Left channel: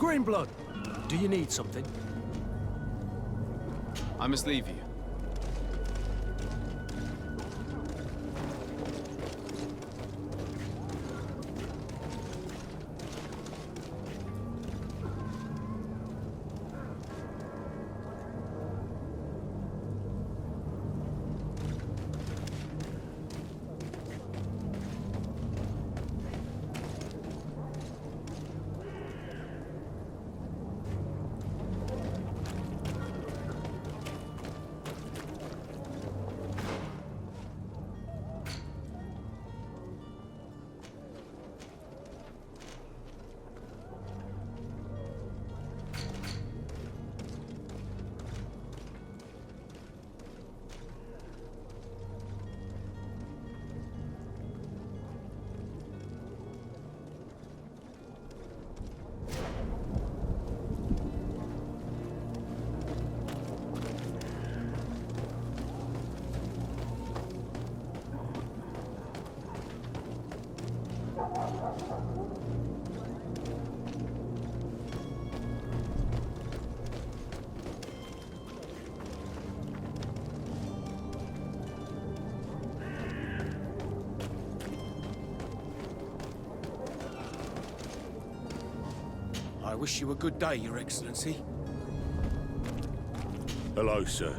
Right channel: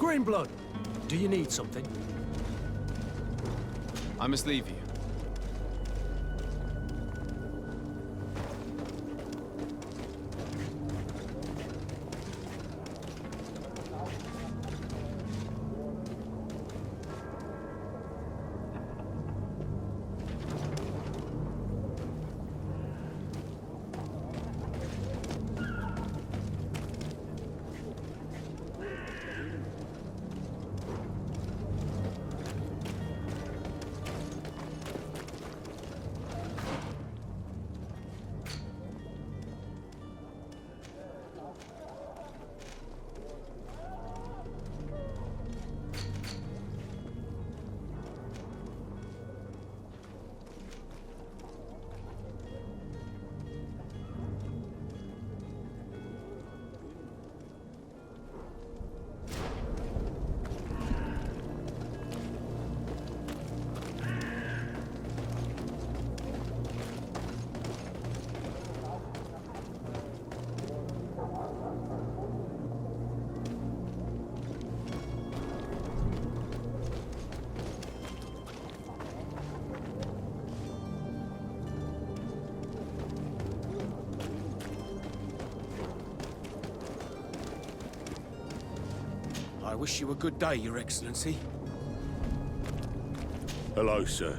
Greenblood, do you need something? I must leave you. I wish you a good day, Your Excellency. Hello, sir.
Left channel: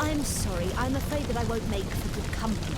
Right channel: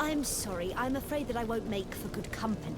I'm sorry. I'm afraid that I won't make for good company.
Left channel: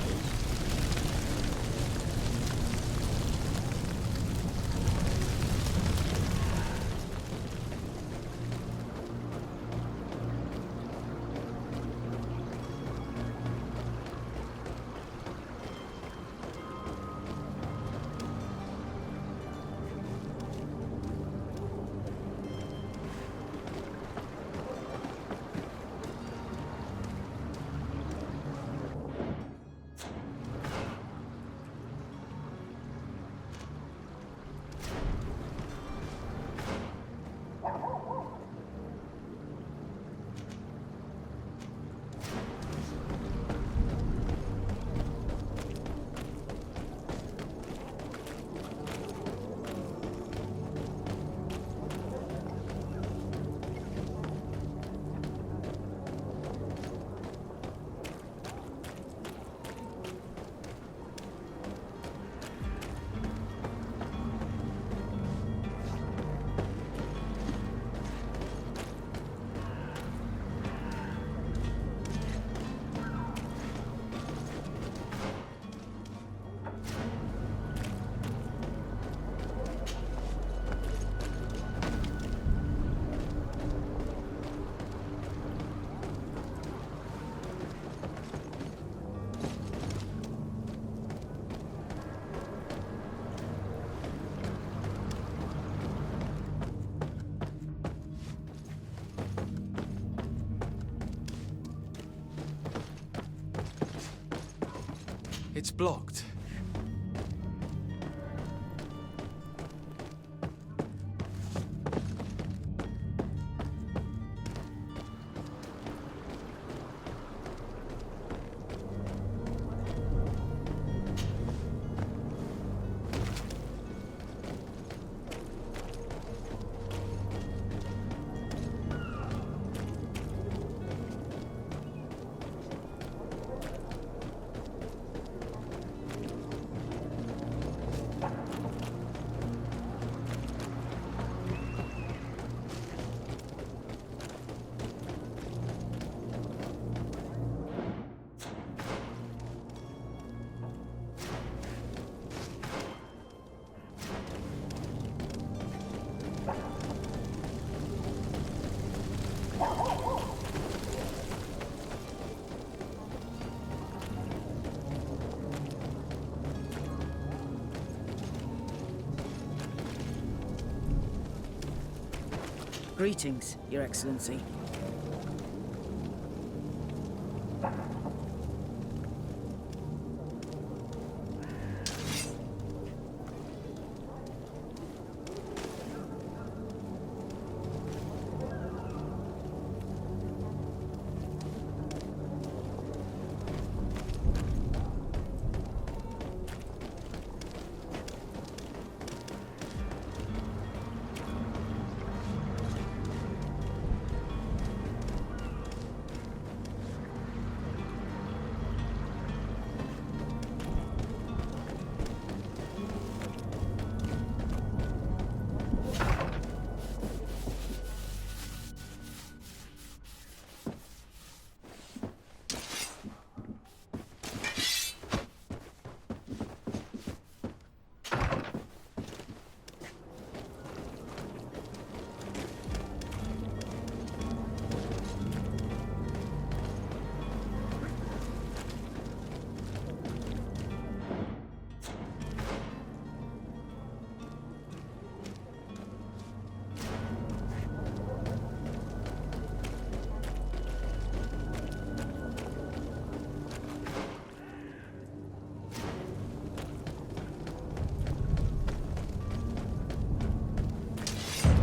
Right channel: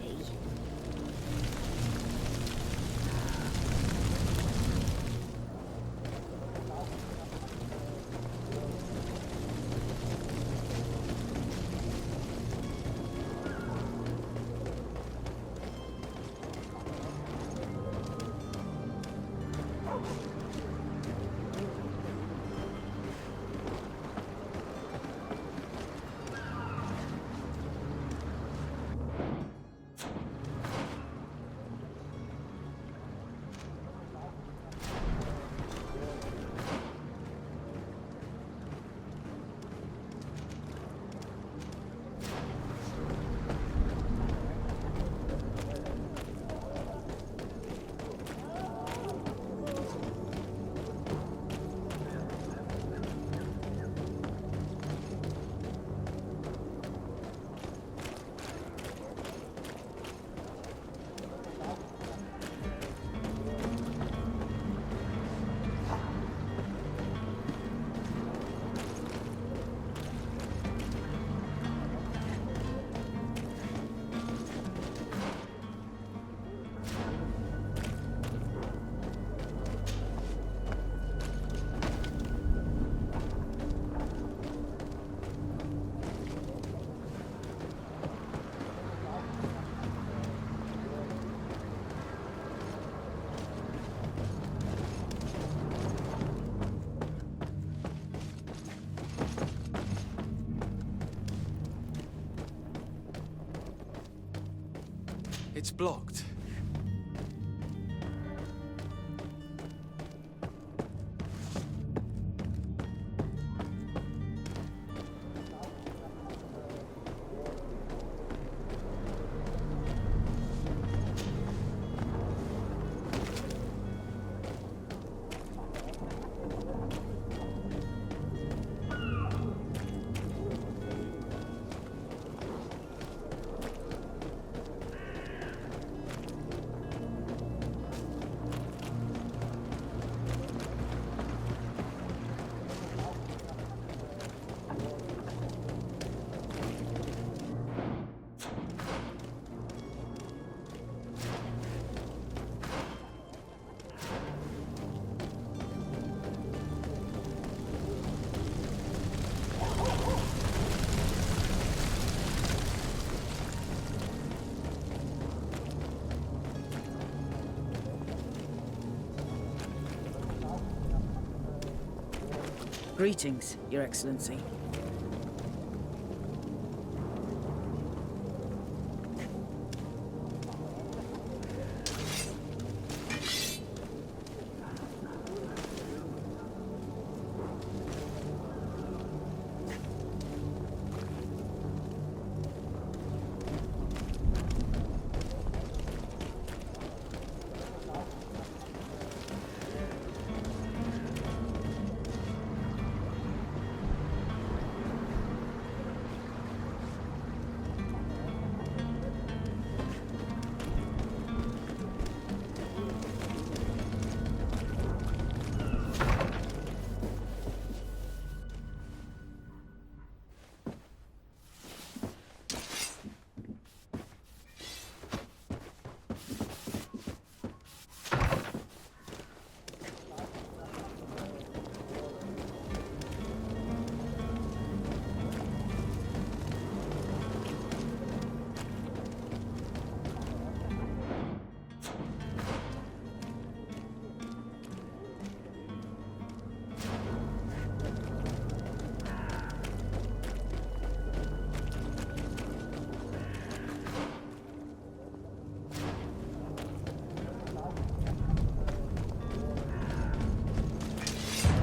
It's blocked. Greetings, Your Excellency.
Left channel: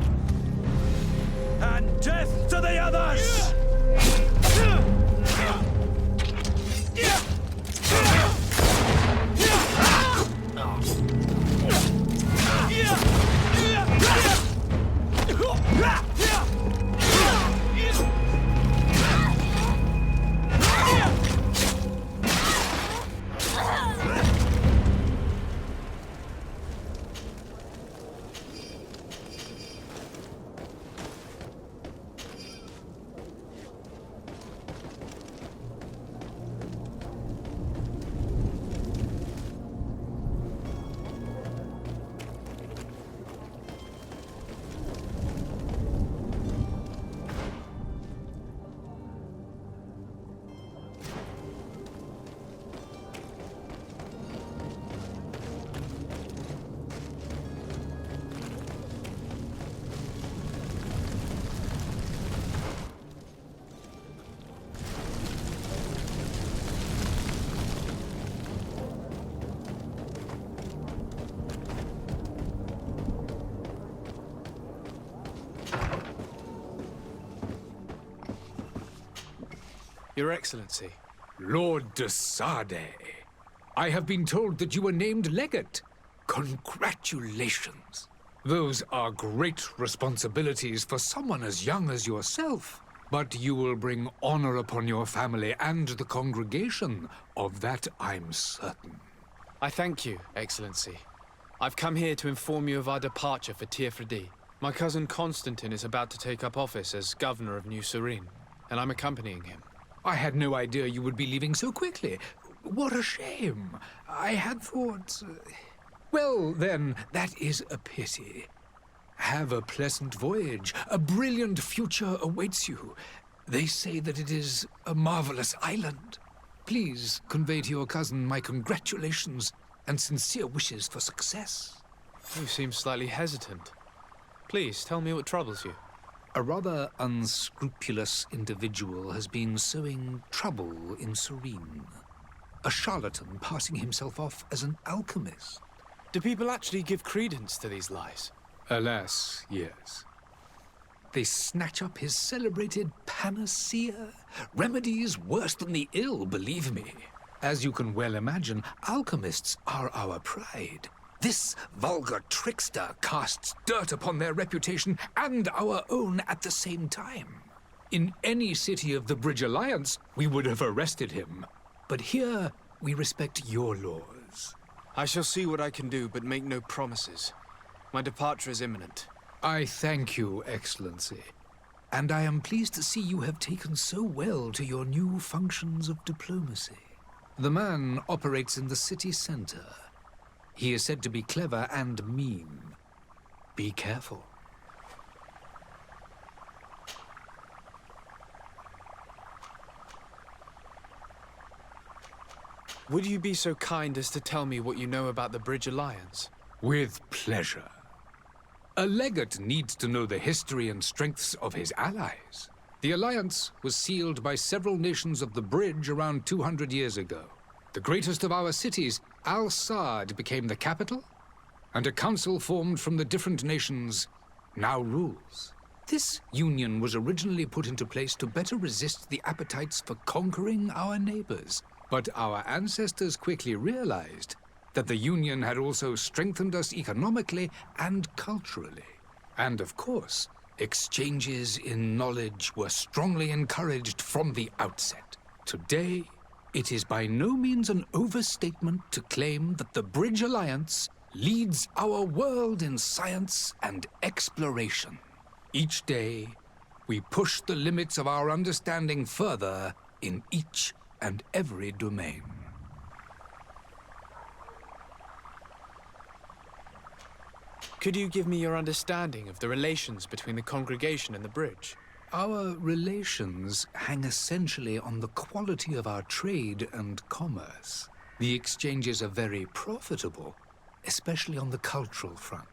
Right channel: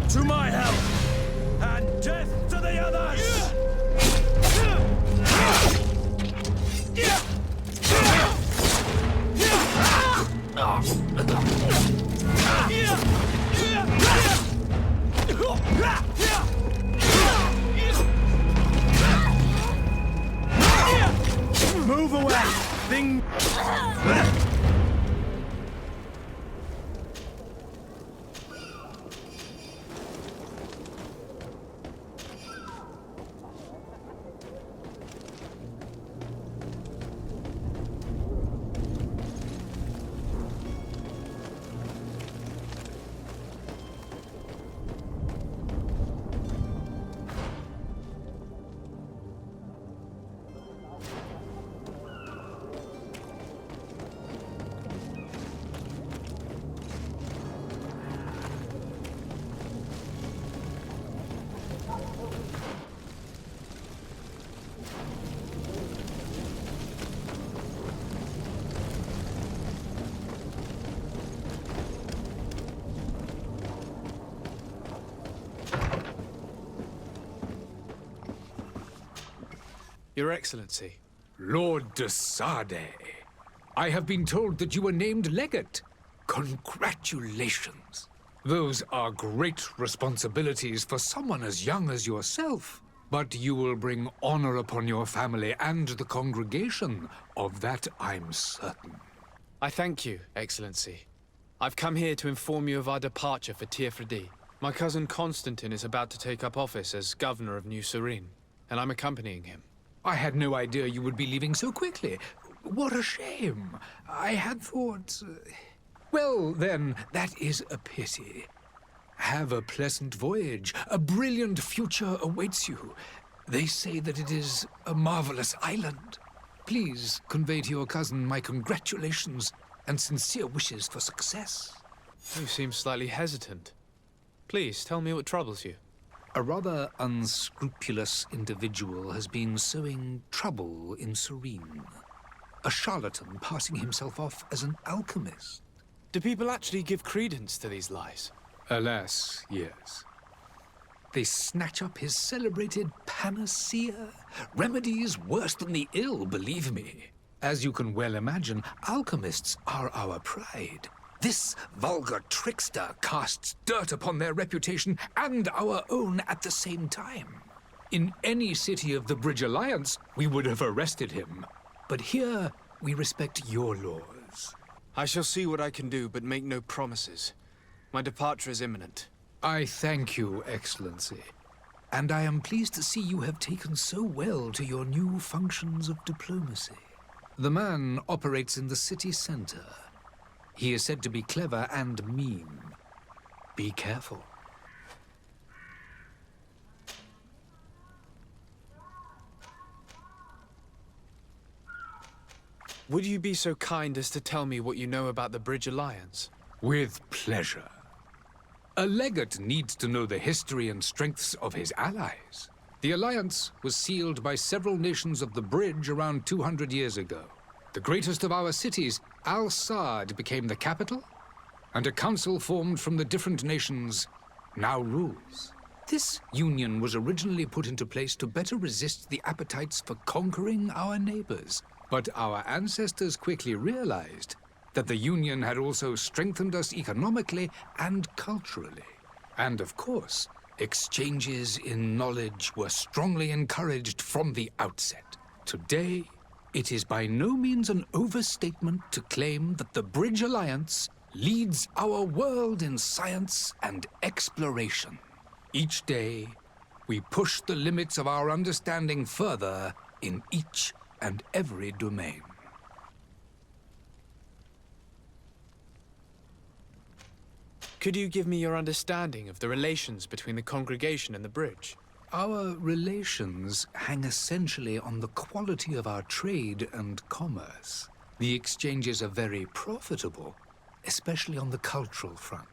To my help! And death to the others! Move away! Thing... Your Excellency. Lord de Sade, I have been told that you were named legate. Congratulations. Those are great responsibilities for someone as young as yourself. But you will bring honor upon your family and the congregation. Of that I'm certain. I thank you, Excellency. I've come here to inform you of our departure for Tiefredi. My cousin Constantine is about to take up office as governor of New Serene, and I'm accompanying him. I had no idea you would be leaving so quickly. What a shame. I had thought... Well, then, that is a pity. Have a pleasant voyage. A brilliant future awaits you. They say that it is a marvelous island. Please convey to your cousin my congratulations and sincere wishes for success. You seem slightly hesitant. Please, tell me what troubles you. A rather unscrupulous individual has been sowing trouble in Serene. a charlatan passing himself off as an alchemist. Do people actually give credence to these lies? Alas, yes. They snatch up his celebrated panacea, remedies worse than the ill, believe me. As you can well imagine, alchemists are our pride. This vulgar trickster casts dirt upon their reputation and our own at the same time. In any city of the Bridge Alliance, we would have arrested him. But here, we respect your laws. I shall see what I can do, but make no promises. My departure is imminent. I thank you, Excellency. And I am pleased to see you have taken so well to your new functions of diplomacy. The man operates in the city center. He is said to be clever and mean. Be careful. Would you be so kind as to tell me what you know about the Bridge Alliance? With pleasure. A legate needs to know the history and strengths of his allies. The alliance was sealed by several nations of the Bridge around 200 years ago. The greatest of our cities, Al-Saad, became the capital, and a council formed from the different nations now rules. This union was originally put into place to better resist the appetites for conquering our neighbors. But our ancestors quickly realized that the Union had also strengthened us economically and culturally. And of course, exchanges in knowledge were strongly encouraged from the outset. Today, it is by no means an overstatement to claim that the Bridge Alliance leads our world in science and exploration. Each day, we push the limits of our understanding further in each and every domain. Could you give me your understanding of the relations between the congregation and the bridge? Our relations hang essentially on the quality of our trade and commerce. The exchanges are very profitable, especially on the cultural front.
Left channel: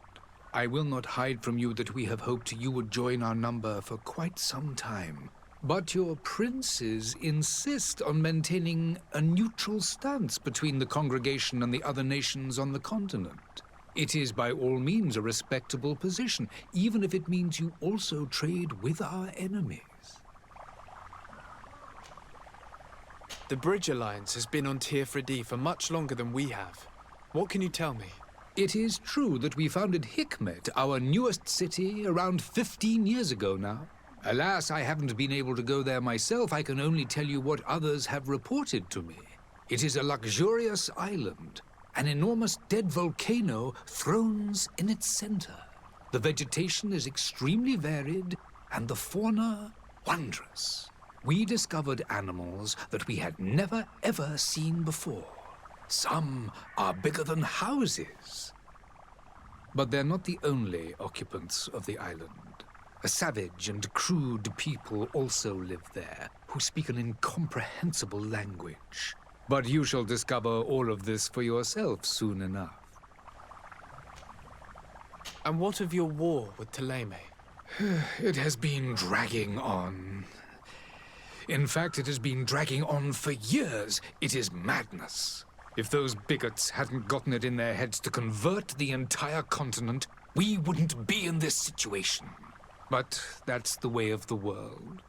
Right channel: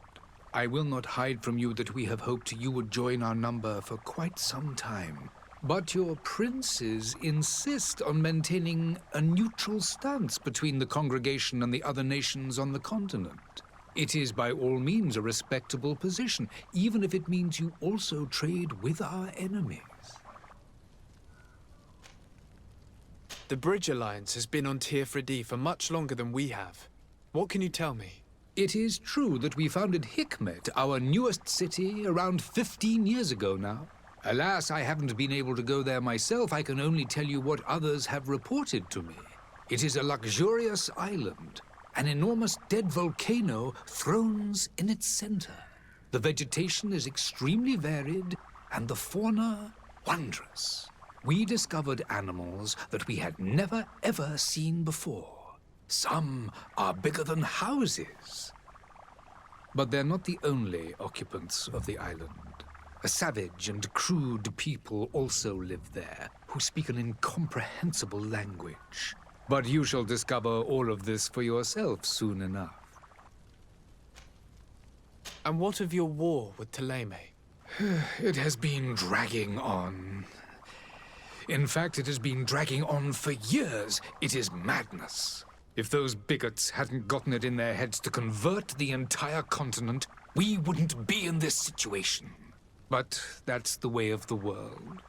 I will not hide from you that we have hoped you would join our number for quite some time. But your princes insist on maintaining a neutral stance between the congregation and the other nations on the continent. It is by all means a respectable position, even if it means you also trade with our enemies. The Bridge Alliance has been on Tearfredi for much longer than we have. What can you tell me? It is true that we founded Hikmet, our newest city, around 15 years ago now. Alas, I haven't been able to go there myself. I can only tell you what others have reported to me. It is a luxurious island. An enormous dead volcano thrones in its center. The vegetation is extremely varied, and the fauna wondrous. We discovered animals that we had never ever seen before. Some are bigger than houses. But they're not the only occupants of the island. A savage and crude people also live there, who speak an incomprehensible language. But you shall discover all of this for yourself soon enough. And what of your war with Ptolemy? It has been dragging on. In fact, it has been dragging on for years. It is madness. If those bigots hadn't gotten it in their heads to convert the entire continent, we wouldn't be in this situation. But that's the way of the world.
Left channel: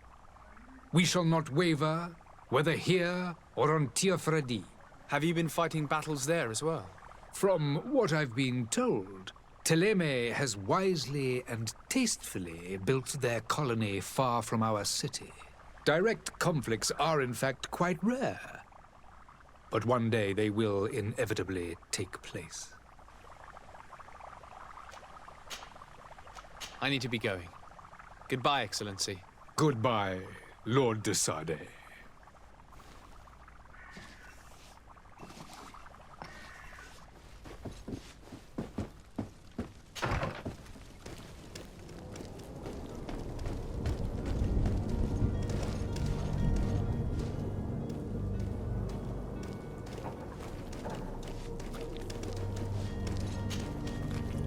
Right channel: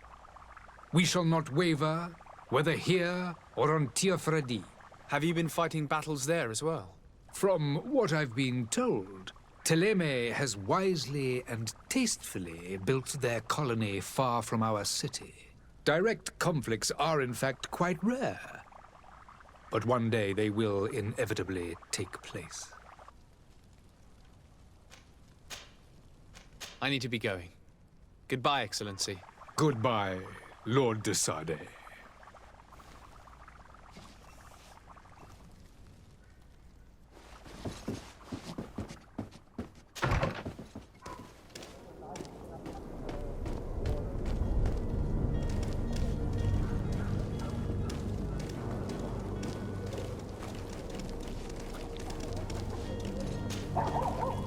We shall not waver, whether here or on Tearfredi. Have you been fighting battles there as well? From what I've been told, Ptolemy has wisely and tastefully built their colony far from our city. Direct conflicts are in fact quite rare. But one day they will inevitably take place. I need to be going. Goodbye, Excellency. Goodbye, Lord de Sade.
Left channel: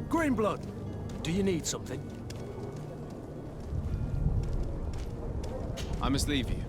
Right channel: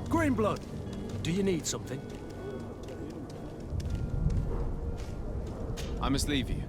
Greenblood, do you need something? I must leave you.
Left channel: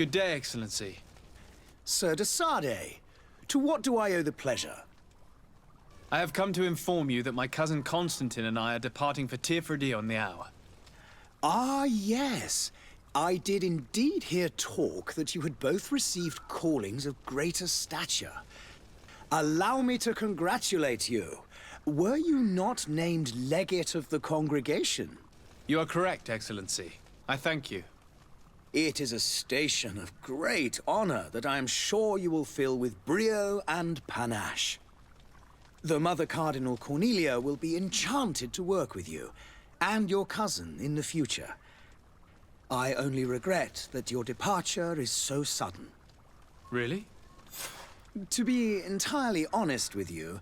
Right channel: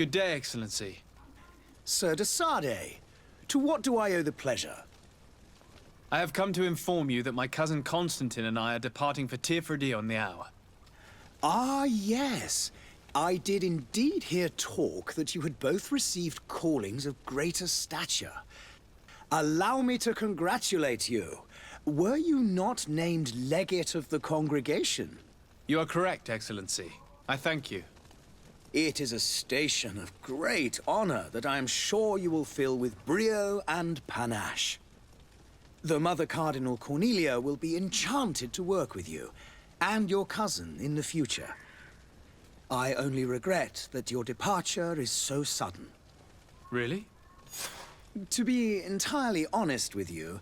Good day, Excellency. Sir de Sardet, to what do I owe the pleasure? I have come to inform you that my cousin Constantine and I are departing for Tirfredi on the hour. Ah, yes. I did indeed hear talk that you had both received callings of greater stature. Allow me to congratulate you. Were you not named legate of the congregation? You are correct, Excellency. I thank you. It is a station of great honor that I am sure you will fill with brio and panache. The Mother Cardinal Cornelia will be enchanted to work with you, and your cousin in the future. I only regret that your departure is so sudden. Really? To be entirely honest with you,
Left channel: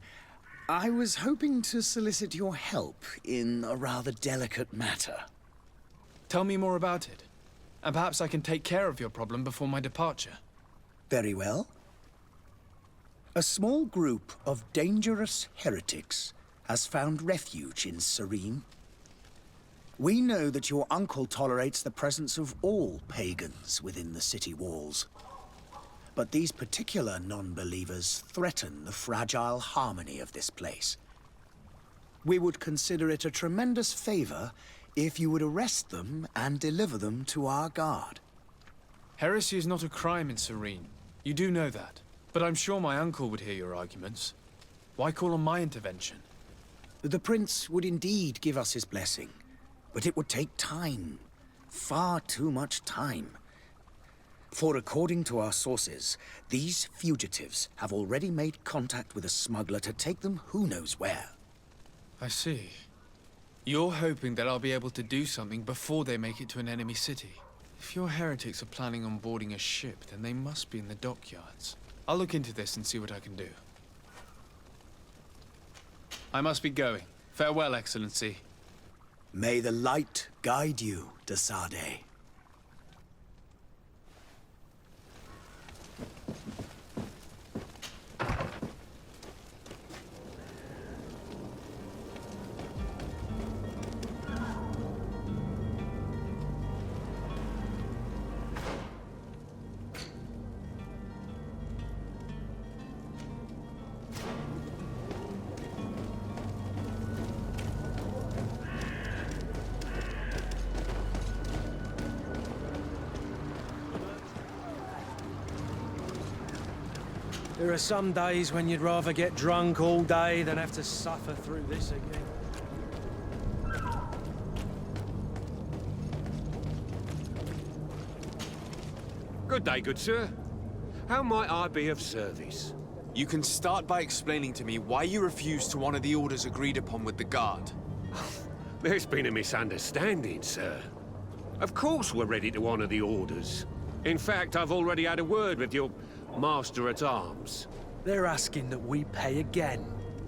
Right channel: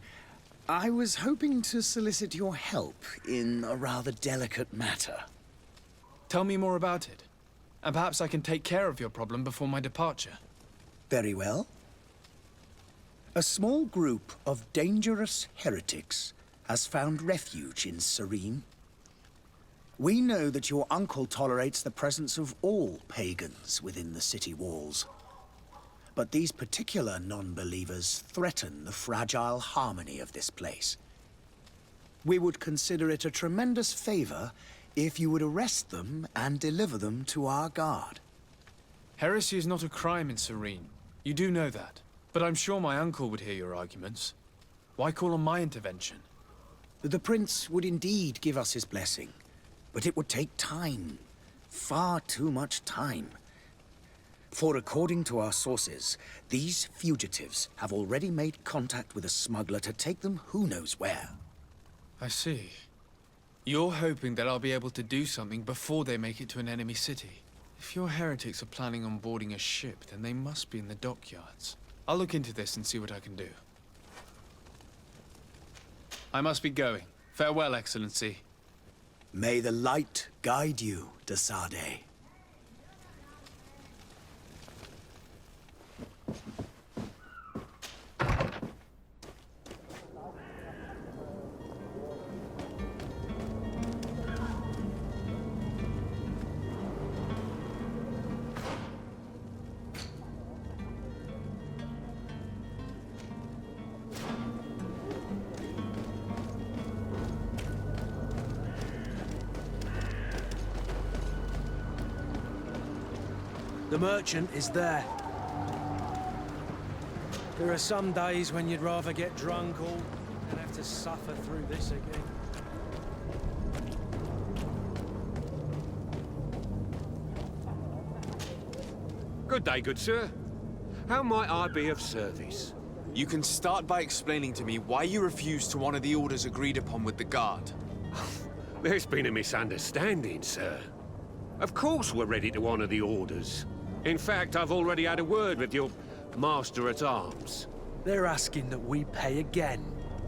I was hoping to solicit your help in a rather delicate matter. Tell me more about it, and perhaps I can take care of your problem before my departure. Very well. A small group of dangerous heretics has found refuge in Serene. We know that your uncle tolerates the presence of all pagans within the city walls. But these particular non-believers threaten the fragile harmony of this place. We would consider it a tremendous favor if you would arrest them and deliver them to our guard. Heresy is not a crime in Serene. You do know that. But I'm sure my uncle would hear your arguments. Why call on my intervention? The prince would indeed give us his blessing, but it would take time. Far too much time. For according to our sources, these fugitives have already made contact with a smuggler to take them who knows where. I see. You're hoping that I'll be able to do something before they make it to an enemy city. If your heretics are planning on boarding a ship, then they must be in the dockyards. I'll look into this and see what I can do. I must be going. Farewell, Excellency. May the light guide you, de Sardet. The merchant is there. There are some days when you'd rather get drunk all day than have to suffer through this again. Good day, good sir. How might I be of service? You can start by explaining to me why you refused to honor the orders agreed upon with the guard. There's been a misunderstanding, sir. Of course we're ready to honor the orders. In fact, I've already had a word with your master-at-arms. They're asking that we pay again,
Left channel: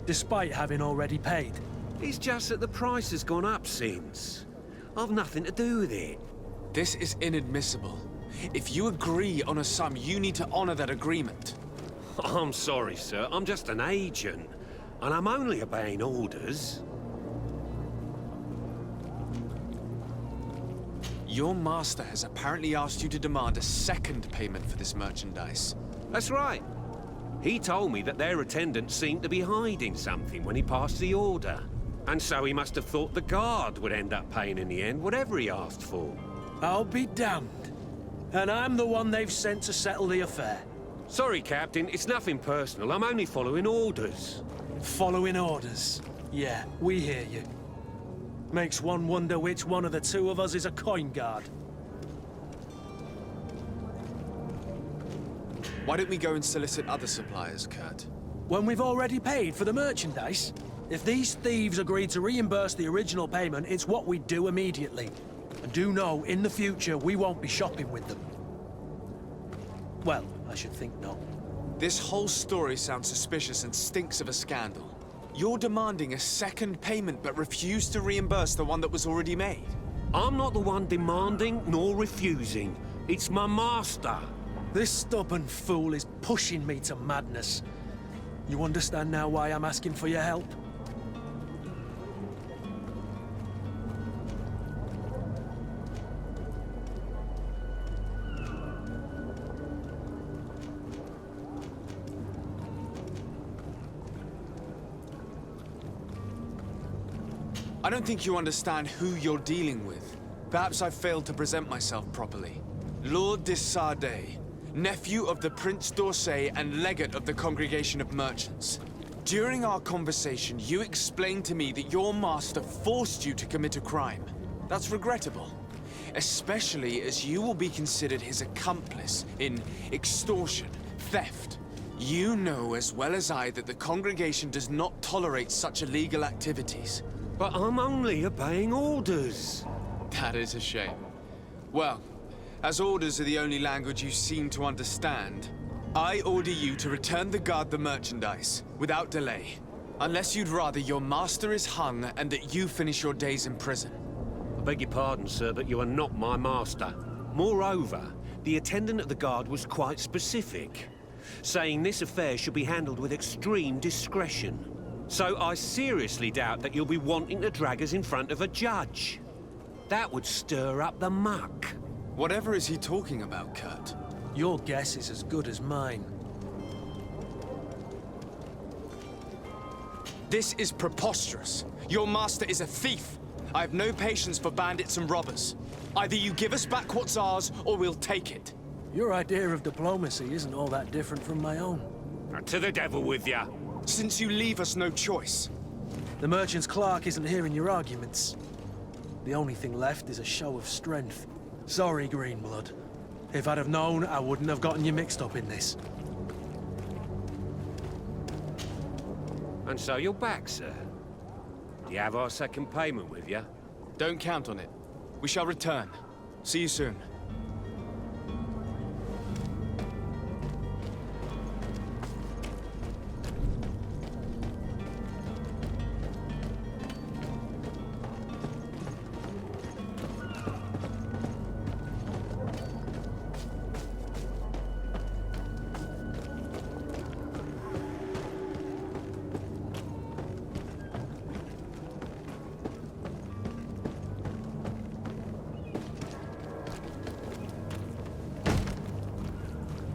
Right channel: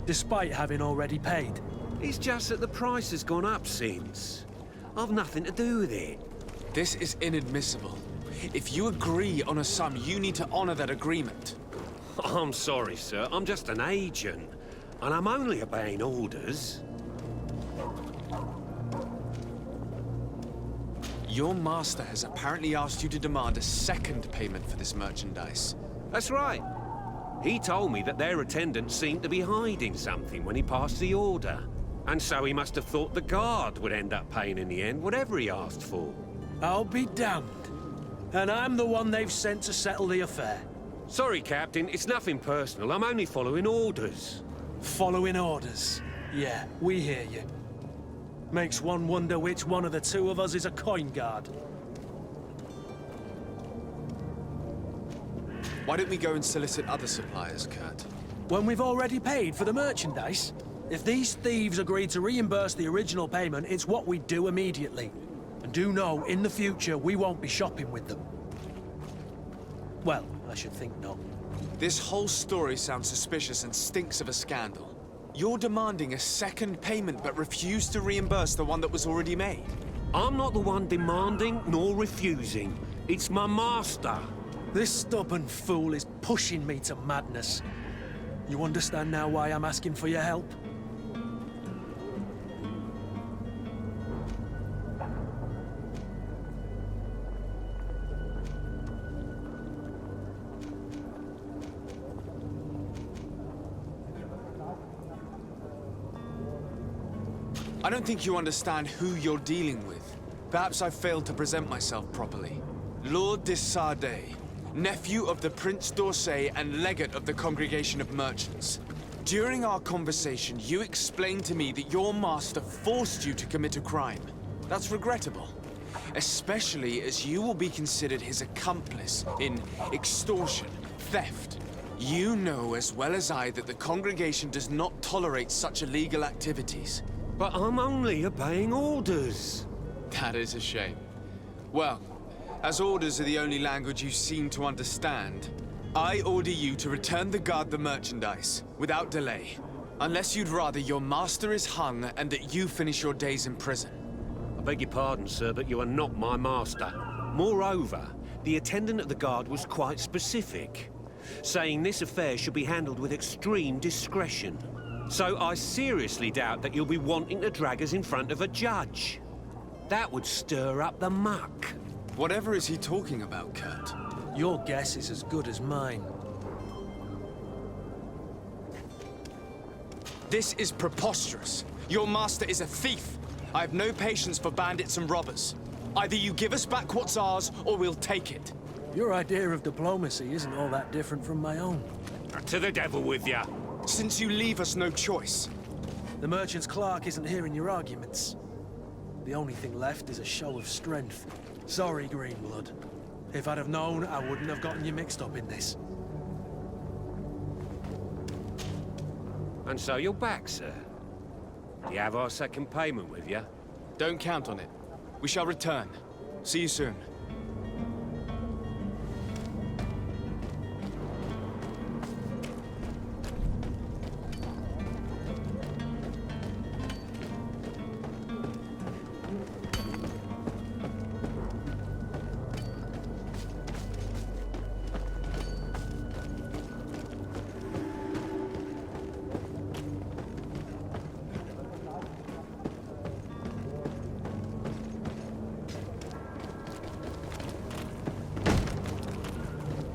despite having already paid. It's just that the price has gone up since. I've nothing to do with it. This is inadmissible. If you agree on a sum, you need to honor that agreement. I'm sorry, sir. I'm just an agent. And I'm only obeying orders. Your master has apparently asked you to demand a second payment for this merchandise. That's right. He told me that their attendant seemed to be hiding something when he passed the order. And so he must have thought the guard would end up paying in the end, whatever he asked for. I'll be damned. And I'm the one they've sent to settle the affair. Sorry, Captain. It's nothing personal. I'm only following orders. Following orders. Yeah, we hear you. Makes one wonder which one of the two of us is a coin guard. Why don't we go and solicit other suppliers, Kurt? When we've already paid for the merchandise? If these thieves agree to reimburse the original payment, it's what we do immediately. And do know, in the future, we won't be shopping with them. Well, I should think not. This whole story sounds suspicious and stinks of a scandal. You're demanding a second payment but refuse to reimburse the one that was already made. I'm not the one demanding nor refusing. It's my master. This stubborn fool is pushing me to madness. You understand now why I'm asking for your help? I don't think you understand who you're dealing with. Perhaps I failed to present myself properly. Lord de Sardet, nephew of the Prince d'Orsay and legate of the Congregation of Merchants. During our conversation, you explained to me that your master forced you to commit a crime. That's regrettable, especially as you will be considered his accomplice in extortion, theft. You know as well as I that the congregation does not tolerate such illegal activities. But I'm only obeying orders. That is a shame. Well, as orders are the only language you seem to understand, I order you to return the guard the merchandise, without delay. Unless you'd rather your master is hung and that you finish your days in prison. I beg your pardon, sir, but you are not my master. Moreover, the attendant of the guard was quite specific, saying this affair should be handled with extreme discretion. So I seriously doubt that you'll be wanting to drag us in front of a judge. That would stir up the muck. Whatever is he talking about, Kurt? Your guess is as good as mine. This is preposterous. Your master is a thief. I have no patience for bandits and robbers. Either you give us back what's ours, or we'll take it. Your idea of diplomacy isn't all that different from my own. To the devil with ya. Since you leave us no choice. The merchant's clerk isn't hearing your arguments. The only thing left is a show of strength. Sorry, Greenblood. If I'd have known, I wouldn't have gotten you mixed up in this. And so you're back, sir. Do you have our second payment with you? Don't count on it. We shall return. See you soon.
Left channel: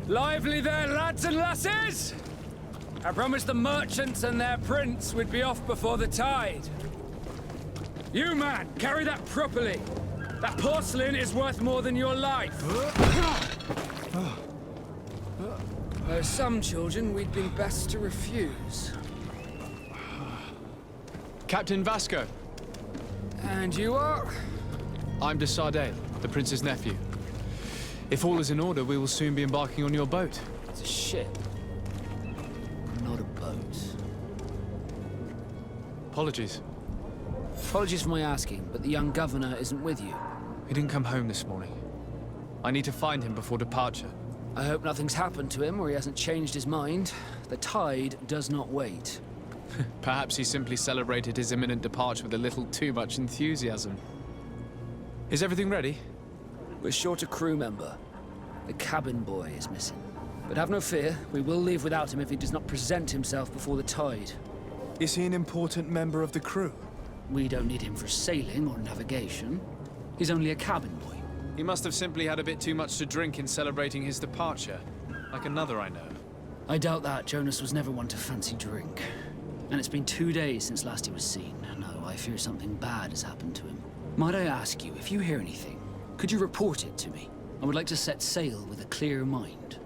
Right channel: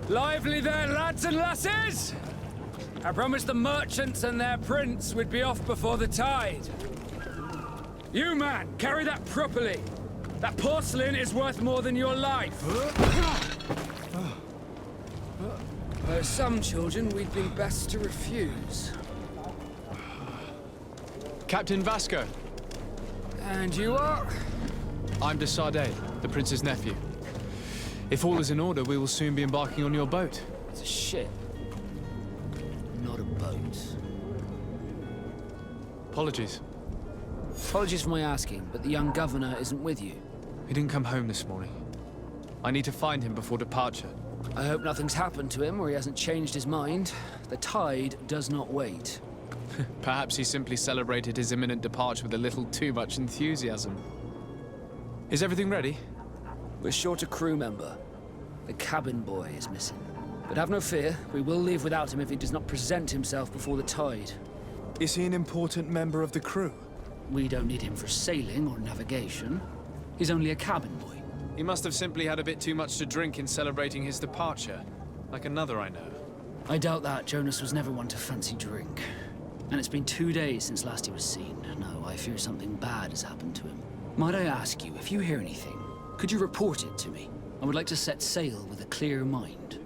Lively there, lads and lasses! I promised the merchants and their prince we'd be off before the tide. You, man, carry that properly. That porcelain is worth more than your life. There's some children we'd been best to refuse. Captain Vasco. And you are? I'm de Sardet, the prince's nephew. If all is in order, we will soon be embarking on your boat. It's a ship, not a boat. Apologies. Apologies for my asking, but the young governor isn't with you. He didn't come home this morning. I need to find him before departure. I hope nothing's happened to him or he hasn't changed his mind. The tide does not wait. Perhaps he simply celebrated his imminent departure with a little too much enthusiasm. Is everything ready? We're short a crew member. The cabin boy is missing. But have no fear, we will leave without him if he does not present himself before the tide. Is he an important member of the crew? We don't need him for sailing or navigation. He's only a cabin boy. He must have simply had a bit too much to drink in celebrating his departure. Like another I know. I doubt that. Jonas was never one to fancy drink. And it's been 2 days since last he was seen. No, I fear something bad has happened to him. Might I ask you, if you hear anything, could you report it to me? I would like to set sail with a clear mind.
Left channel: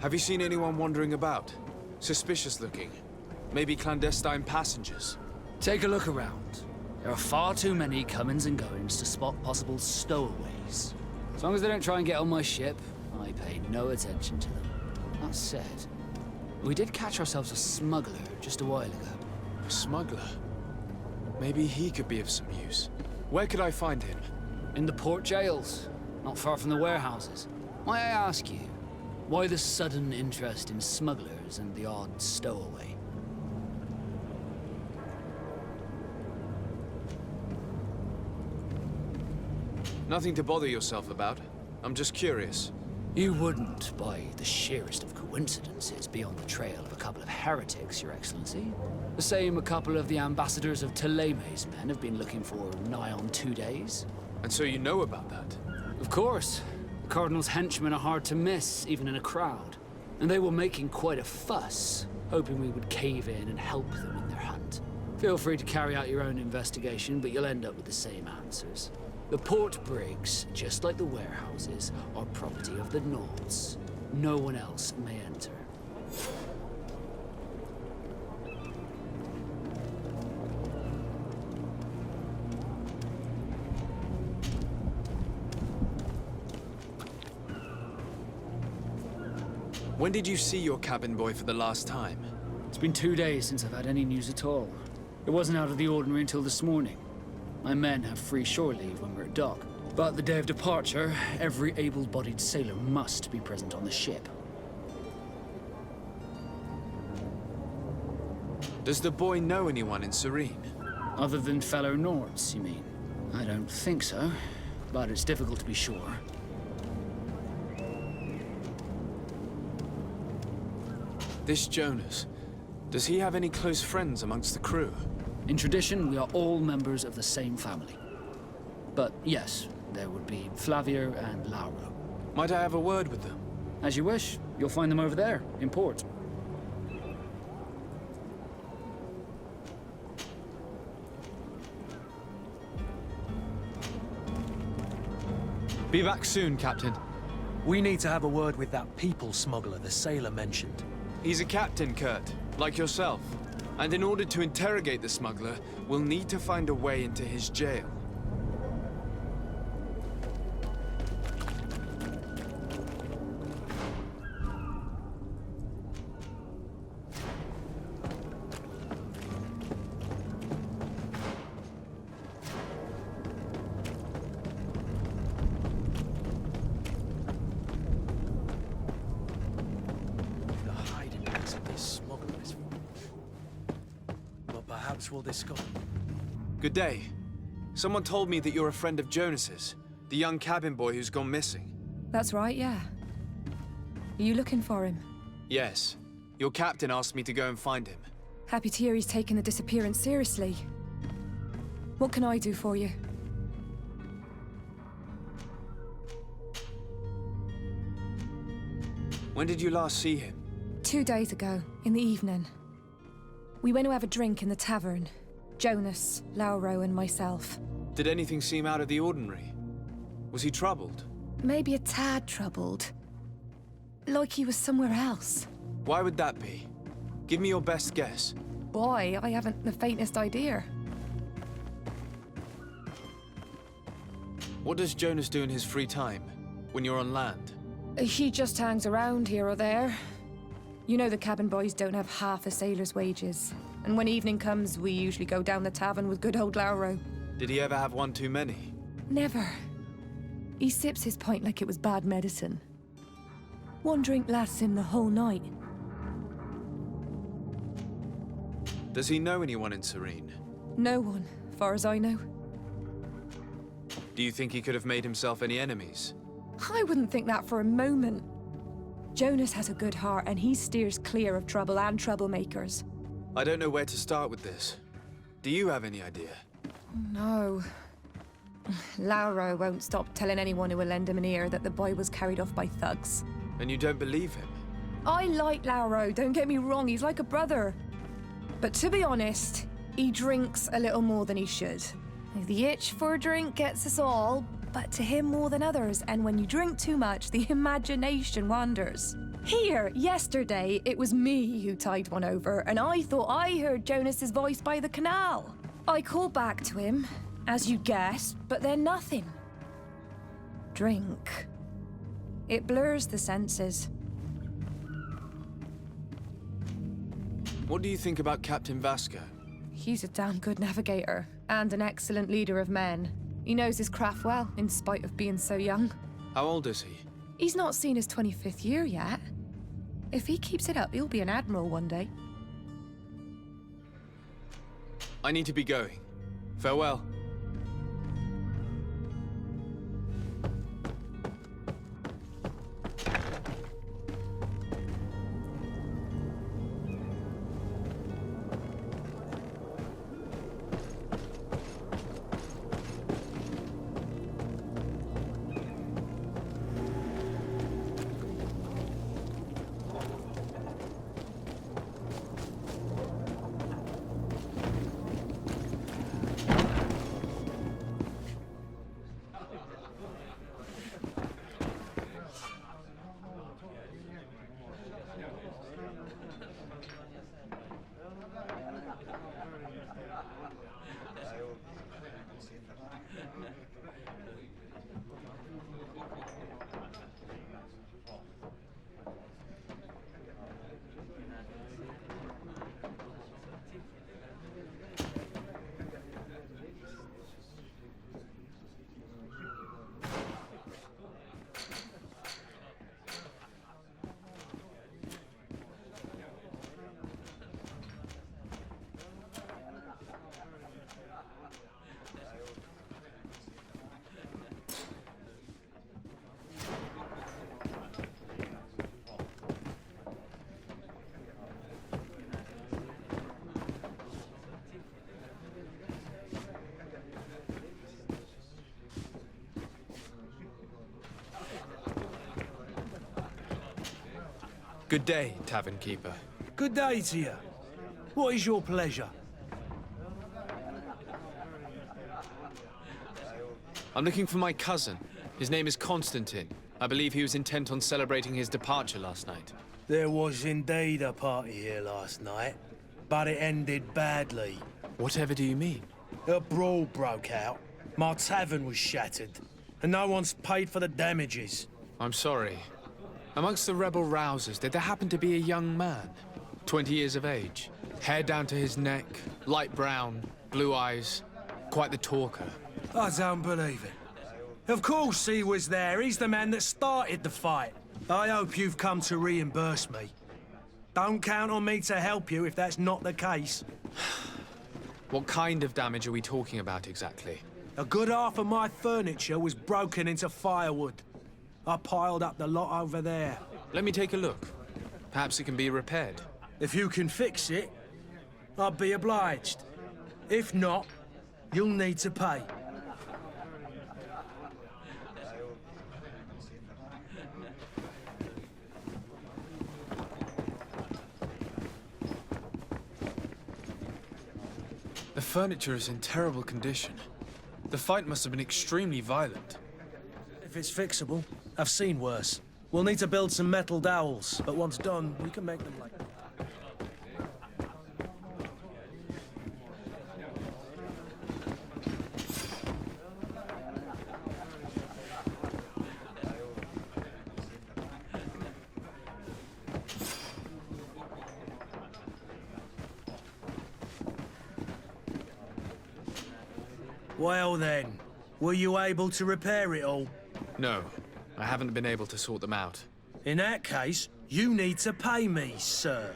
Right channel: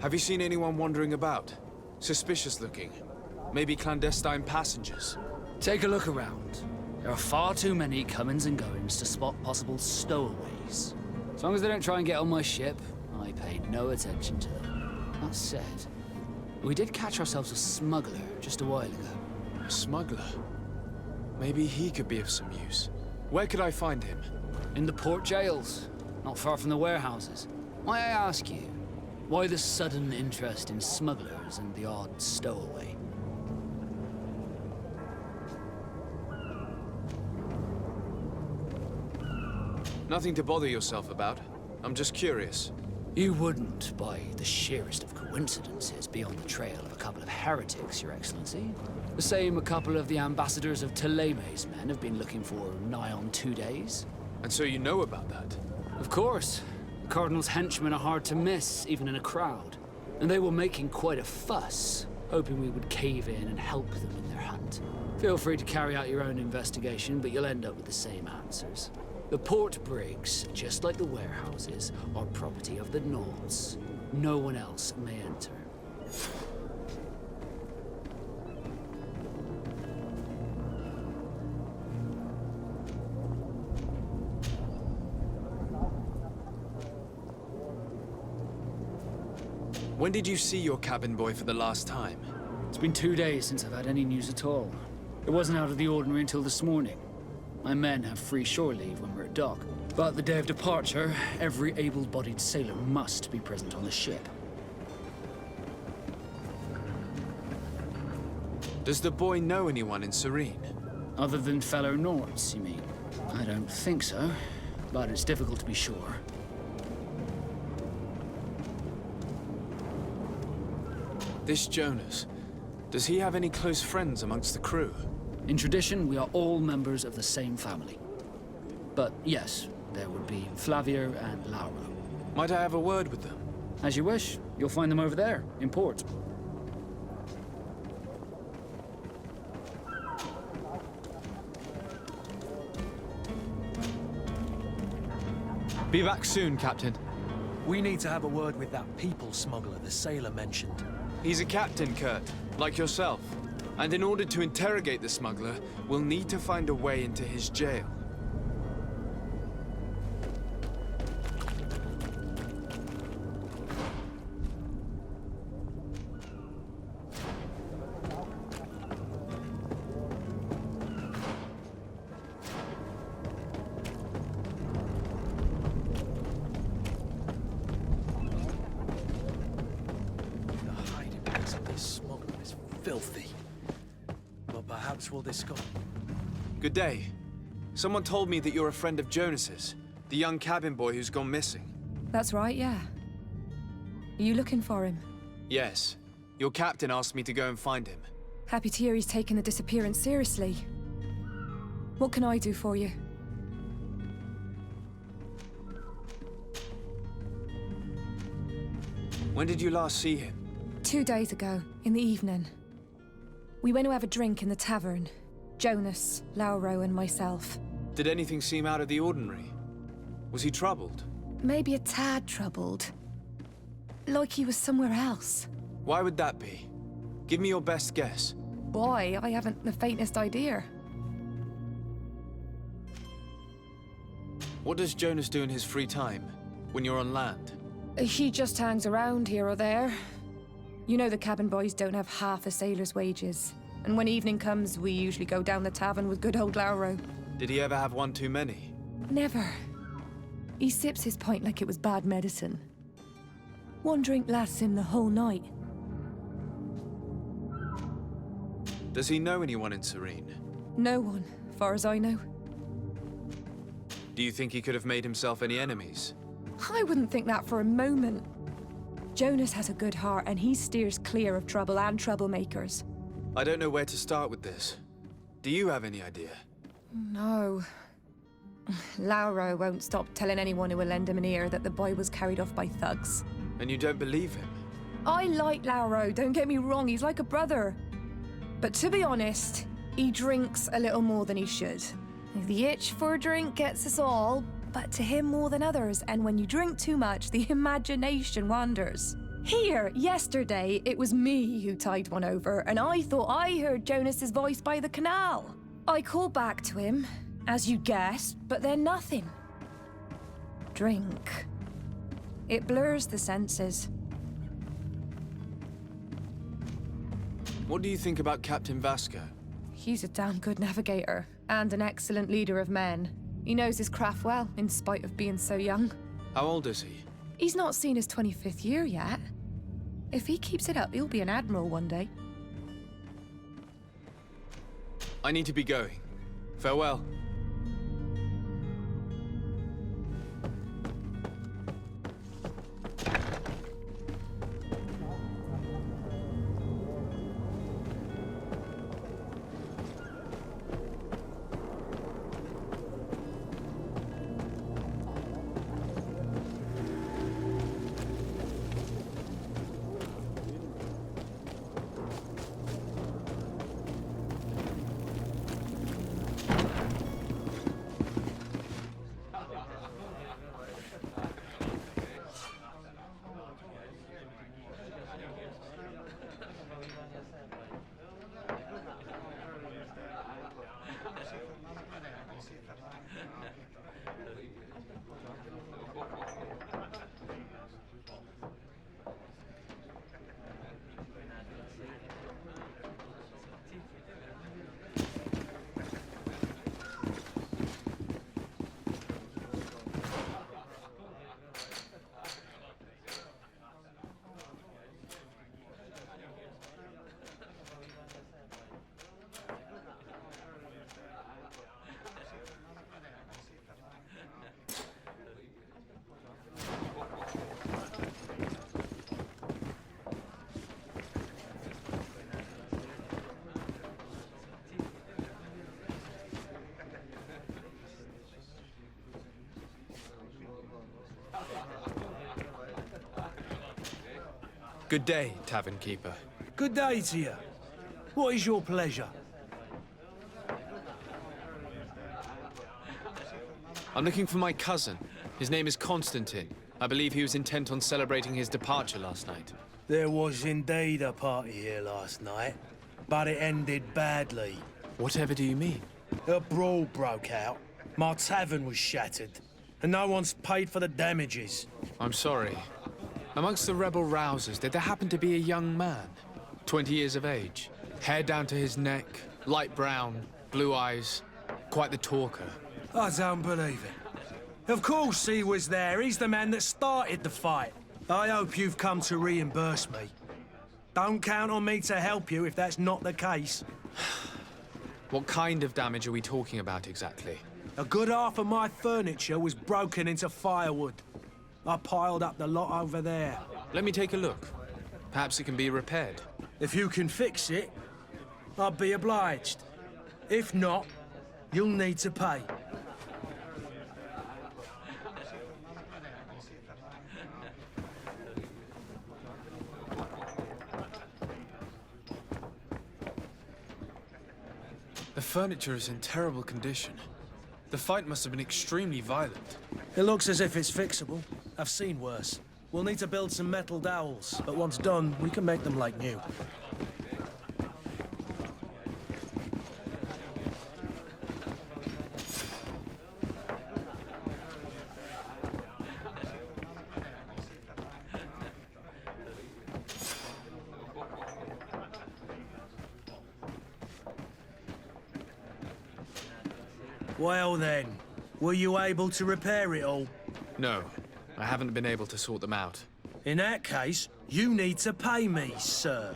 Have you seen anyone wandering about? Suspicious looking. Maybe clandestine passengers. Take a look around. There are far too many comings and goings to spot possible stowaways. As long as they don't try and get on my ship, I paid no attention to them. That said, we did catch ourselves a smuggler just a while ago. A smuggler? Maybe he could be of some use. Where could I find him? In the port jails, not far from the warehouses. May I ask you, why the sudden interest in smugglers and the odd stowaway? Nothing to bother yourself about. I'm just curious. You wouldn't, by the sheerest of coincidences, be on the trail of a couple of heretics, Your Excellency. The same a couple of the ambassadors of Teleme's men have been looking for nigh on 2 days. And so you know about that? Of course. The Cardinal's henchmen are hard to miss, even in a crowd. And they were making quite a fuss, hoping we would cave in and help them in their hunt. Feel free to carry out your own investigation, but you'll end up with the same answers. The port brigs, just like the warehouses, are property of the Nords. No one else may enter. When did you see your cabin boy for the last time? It's been 2 days since I've had any news at all. It wasn't out of the ordinary until this morning. My men have free shore leave when we're at dock. But the day of departure, every able-bodied sailor must be present on the ship. Does the boy know anyone in Serene? Other than fellow Nords, you mean? I don't think so, but it's difficult to be sure. This Jonas, does he have any close friends amongst the crew? In tradition, we are all members of the same family. But yes, there would be Flavio and Lauro. Might I have a word with them? As you wish. You'll find them over there, in port. Be back soon, Captain. We need to have a word with that people smuggler the sailor mentioned. He's a captain, Kurt, like yourself. And in order to interrogate the smuggler, we'll need to find a way into his jail. The hiding place of this smuggler is filthy. But perhaps we'll discover. Good day. Someone told me that you're a friend of Jonas's, the young cabin boy who's gone missing. That's right, yeah. Are you looking for him? Yes. Your captain asked me to go and find him. Happy to hear he's taken the disappearance seriously. What can I do for you? When did you last see him? 2 days ago, in the evening. We went to have a drink in the tavern. Jonas, Lauro, and myself. Did anything seem out of the ordinary? Was he troubled? Maybe a tad troubled. Like he was somewhere else. Why would that be? Give me your best guess. Why? I haven't the faintest idea. What does Jonas do in his free time, when you're on land? He just hangs around here or there. You know the cabin boys don't have half a sailor's wages. And when evening comes, we usually go down the tavern with good old Lauro. Did he ever have one too many? Never. He sips his pint like it was bad medicine. One drink lasts him the whole night. Does he know anyone in Serene? No one, far as I know. Do you think he could have made himself any enemies? I wouldn't think that for a moment. Jonas has a good heart and he steers clear of trouble and troublemakers. I don't know where to start with this. Do you have any idea? No. Lauro won't stop telling anyone who will lend him an ear that the boy was carried off by thugs. And you don't believe him? I like Lauro, don't get me wrong, he's like a brother. But to be honest, he drinks a little more than he should. The itch for a drink gets us all, but to him more than others, and when you drink too much, the imagination wanders. Here, yesterday, it was me who tied one over, and I thought I heard Jonas's voice by the canal. I called back to him, as you guessed, but then nothing. Drink. It blurs the senses. What do you think about Captain Vasco? He's a damn good navigator, and an excellent leader of men. He knows his craft well, in spite of being so young. How old is he? He's not seen his 25th year yet. If he keeps it up, he'll be an admiral one day. I need to be going. Farewell. Good day, tavern keeper. Good day to you. What is your pleasure? I'm looking for my cousin. His name is Constantine. I believe he was intent on celebrating his departure last night. There was indeed a party here last night, but it ended badly. Whatever do you mean? A brawl broke out. My tavern was shattered, and no one's paid for the damages. I'm sorry. Amongst the rebel rousers, did there happen to be a young man? 20 years of age. Hair down to his neck, light brown, blue eyes. Quite the talker. I don't believe it. Of course he was there. He's the man that started the fight. I hope you've come to reimburse me. Don't count on me to help you if that's not the case. What kind of damage are we talking about exactly? A good half of my furniture was broken into firewood. I piled up the lot over there. Let me take a look. Perhaps it can be repaired. If you can fix it, I'll be obliged. If not, you'll need to pay. The furniture is in terrible condition. The fight must have been extremely violent. It looks as if it's fixable. I've seen worse. We'll need to build some metal dowels, but once done, we can make them like new. Well then, were you able to repair it all? No, I haven't been able to sort them out. In that case, you need to pay me, sir.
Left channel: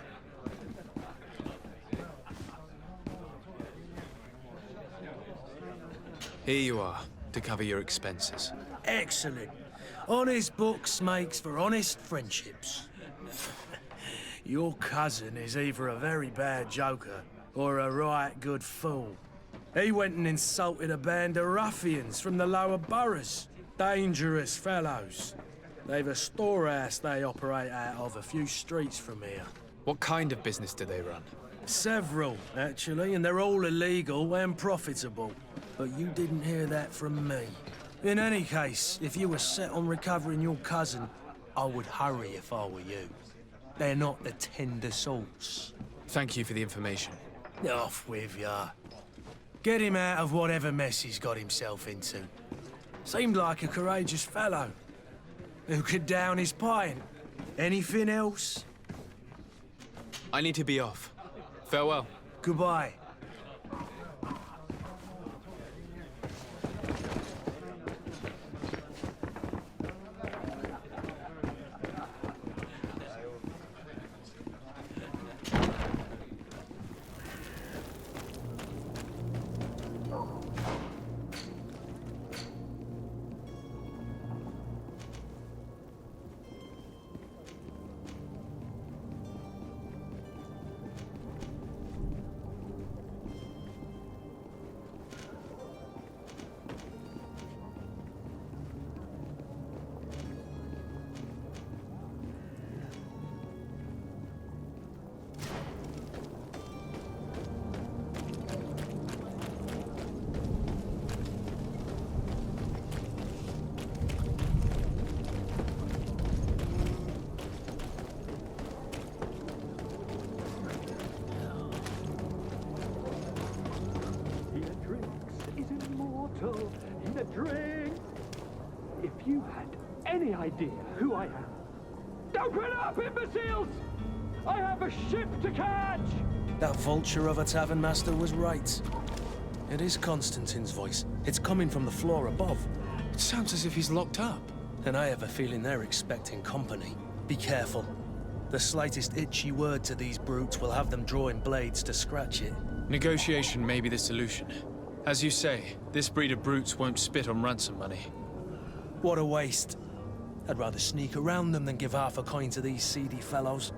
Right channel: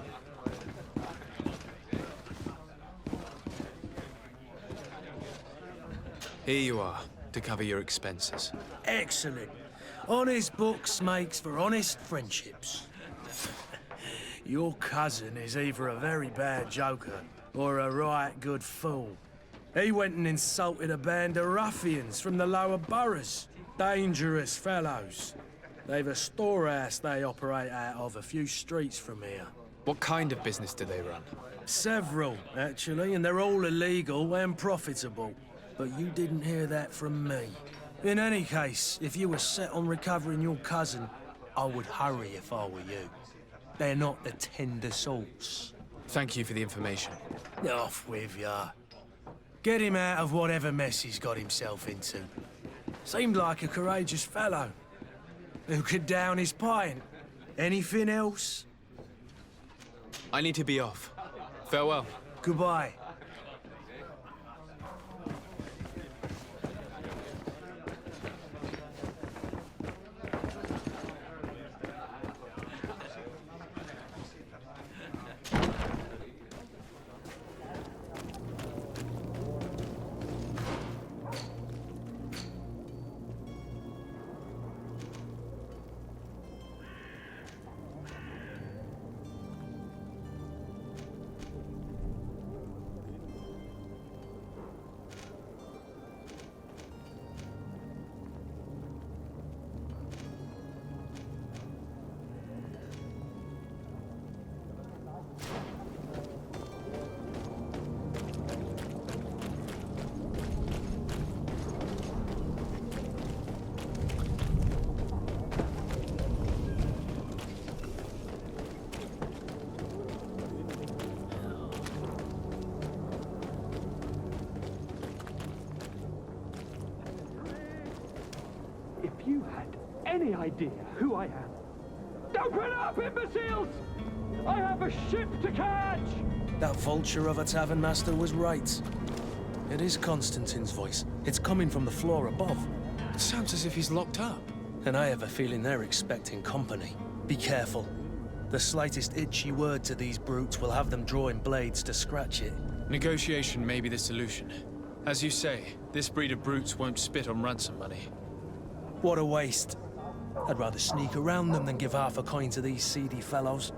Here you are, to cover your expenses. Excellent. Honest books makes for honest friendships. Your cousin is either a very bad joker or a right good fool. He went and insulted a band of ruffians from the lower boroughs. Dangerous fellows. They've a storehouse they operate out of a few streets from here. What kind of business do they run? Several, actually, and they're all illegal and profitable. But you didn't hear that from me. In any case, if you were set on recovering your cousin, I would hurry if I were you. They're not the tender sorts. Thank you for the information. Off with ya. Get him out of whatever mess he's got himself into. Seemed like a courageous fellow. Who could down his pint. Anything else? I need to be off. Farewell. Goodbye. If you had any idea who I am. Open up, imbeciles! I have a ship to catch! That vulture of a tavern master was right. It is Constantine's voice. It's coming from the floor above. It sounds as if he's locked up. And I have a feeling they're expecting company. Be careful. The slightest itchy word to these brutes will have them drawing blades to scratch it. Negotiation may be the solution. As you say, this breed of brutes won't spit on ransom money. What a waste. I'd rather sneak around them than give half a coin to these seedy fellows.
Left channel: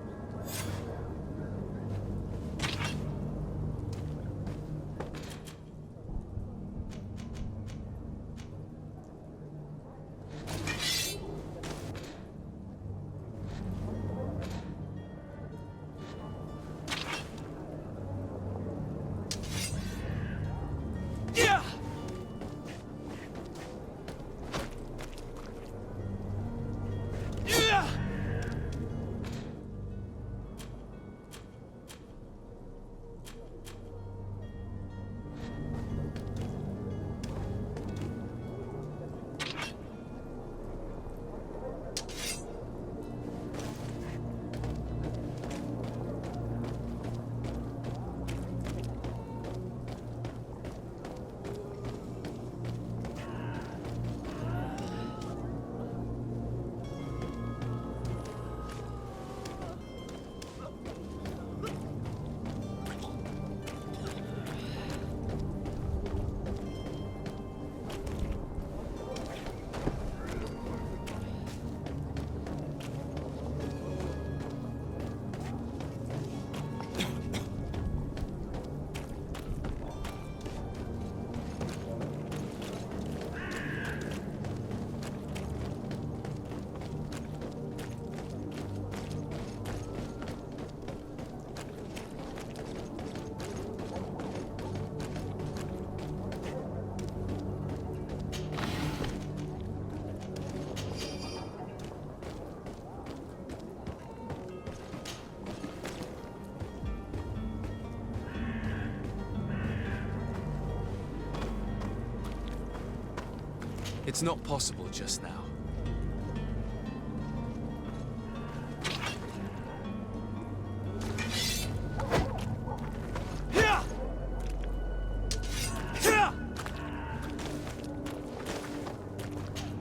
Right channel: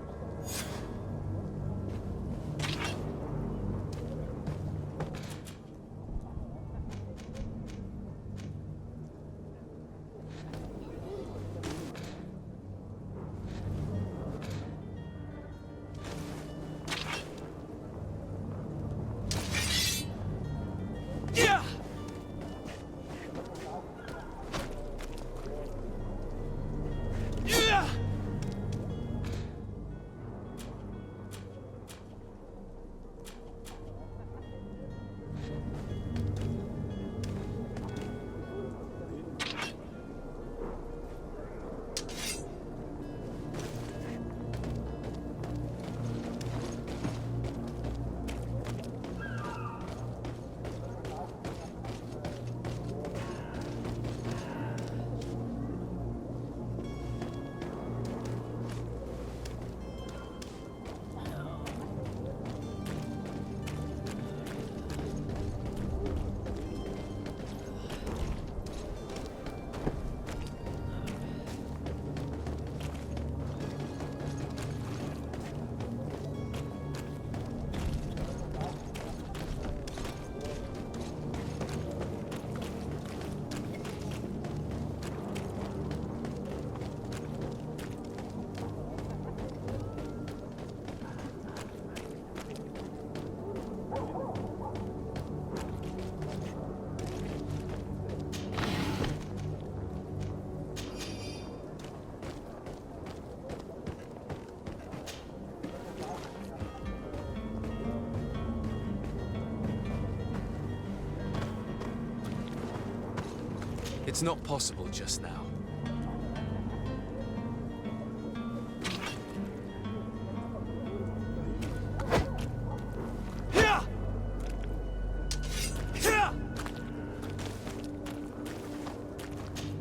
It's not possible just now.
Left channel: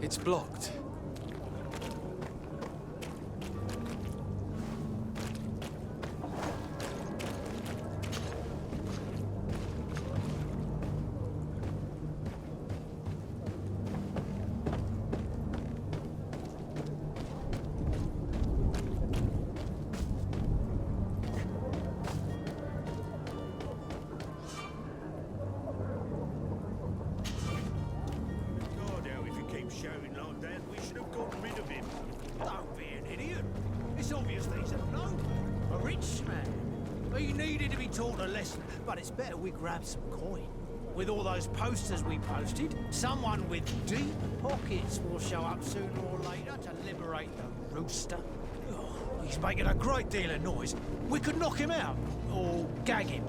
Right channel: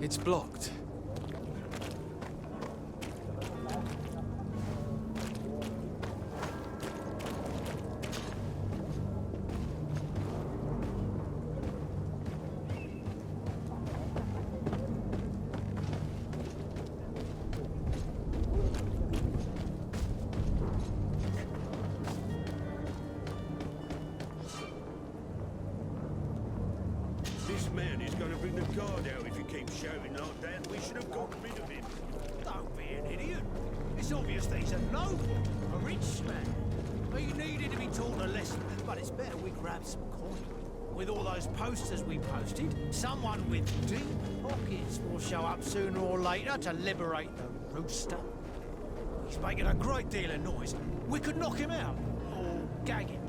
It's blocked. This man is gonna bring the guard out if he keeps shouting like that. We should have gotten rid of him. Don't be an idiot. It's obvious that he's a noble, a rich man. He needed to be taught a lesson, but it's better we grab some coin. With all those posters we posted, someone with deep pockets will show up sooner or later to liberate the rooster. He's making a great deal of noise. We could knock him out, or gag him.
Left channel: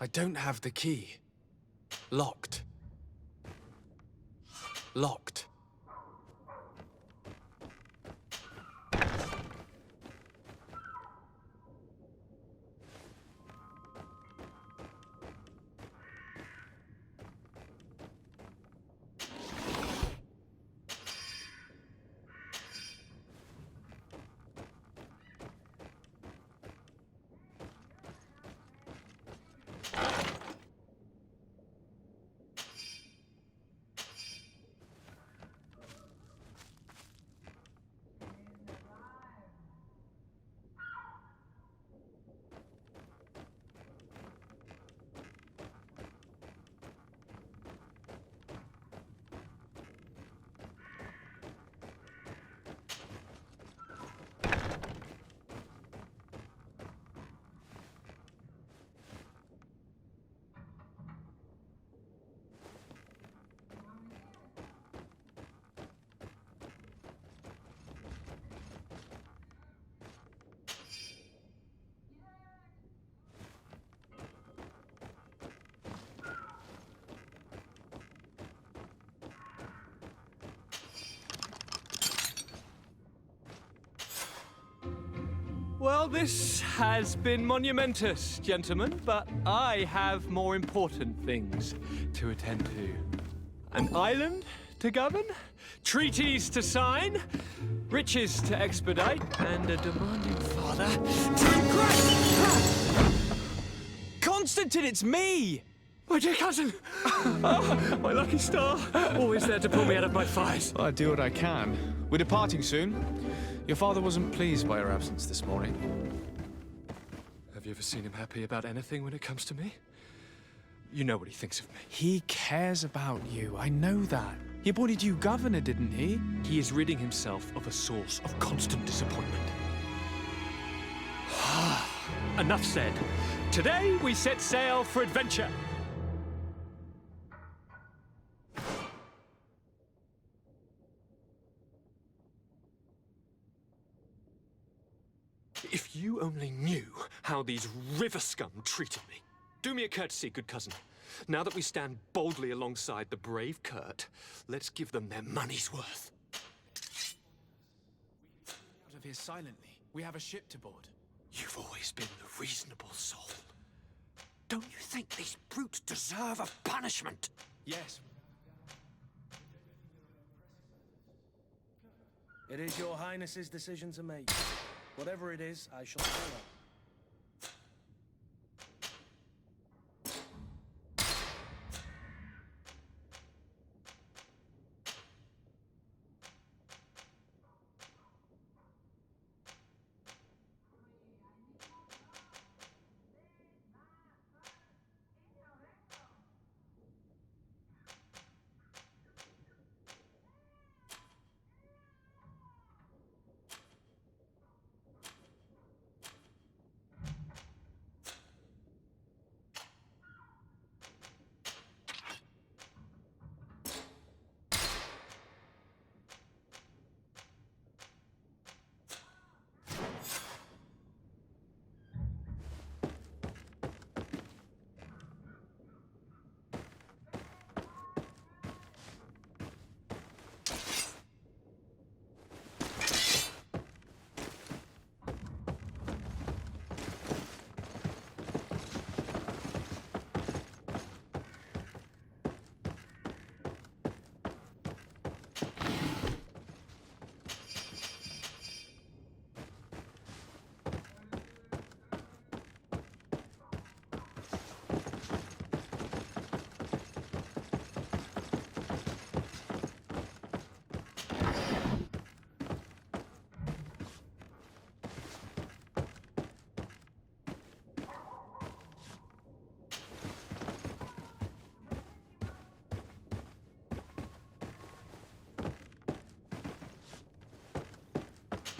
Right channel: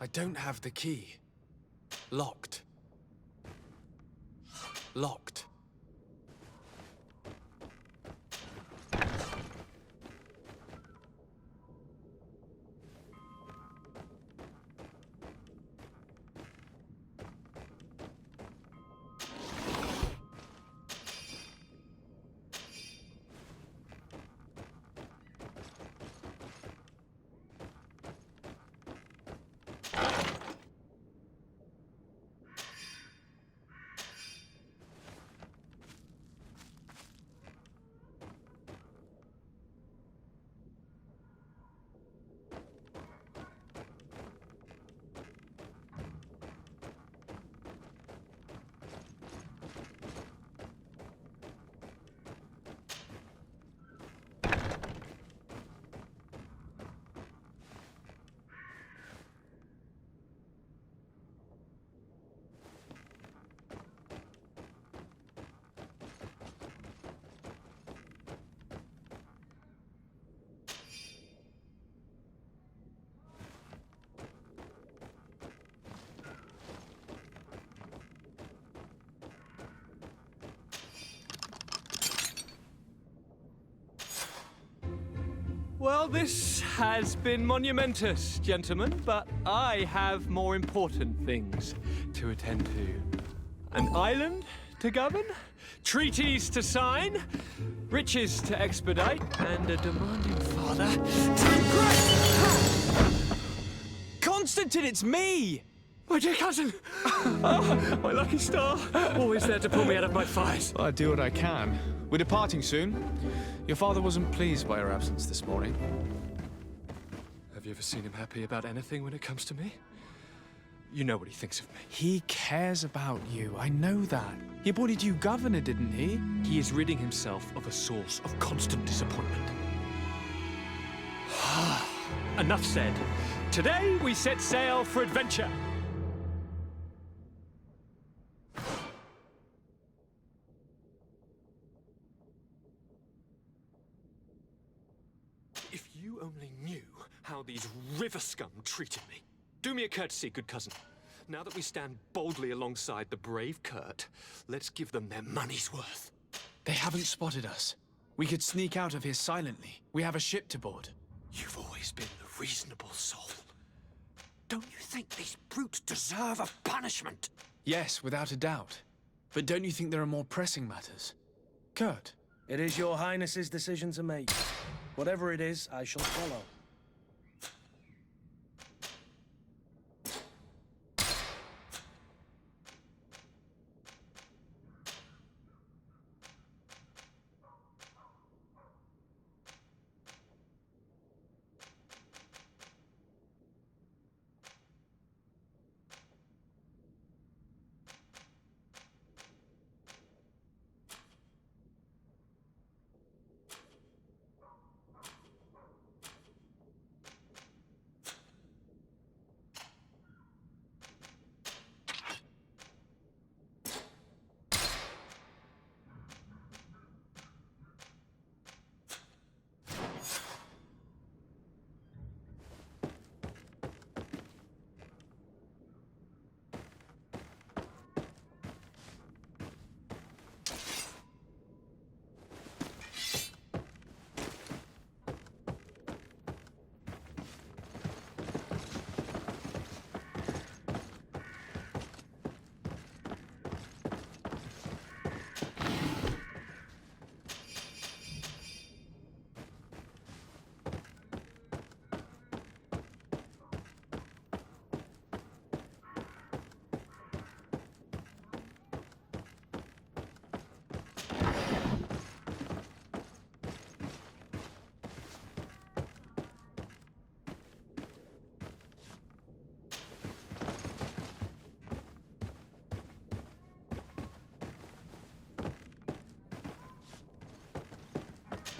I don't have the key. Locked. Locked. Well, this has been monumentous, gentlemen, but I have more important things to attend to. An island to govern, treaties to sign, riches to expedite, and a demanding father to impress. Constantine, it's me! My dear cousin! Oh, my lucky star. Always there to pull me out of my fires. I do what I can. We're departing soon. Your father wasn't pleased by your absence this morning. Have you ever seen him happy about anything when it comes to me? You know what he thinks of me. He cares about you. I know that. He appointed you governor, didn't he? He is ridding himself of a source of constant disappointment. Enough said. Today we set sail for adventure. If you only knew how these river scum treated me. Do me a courtesy, good cousin. Now that we stand boldly alongside the brave Kurt, let's give them their money's worth. They haven't spotted us. We could sneak out of here silently. We have a ship to board. You've always been the reasonable soul. Don't you think these brutes deserve a punishment? Yes, without a doubt. But don't you think there are more pressing matters? Kurt? It is your highness's decision to make. Whatever it is, I shall follow.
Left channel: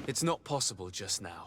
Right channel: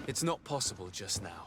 It's not possible just now.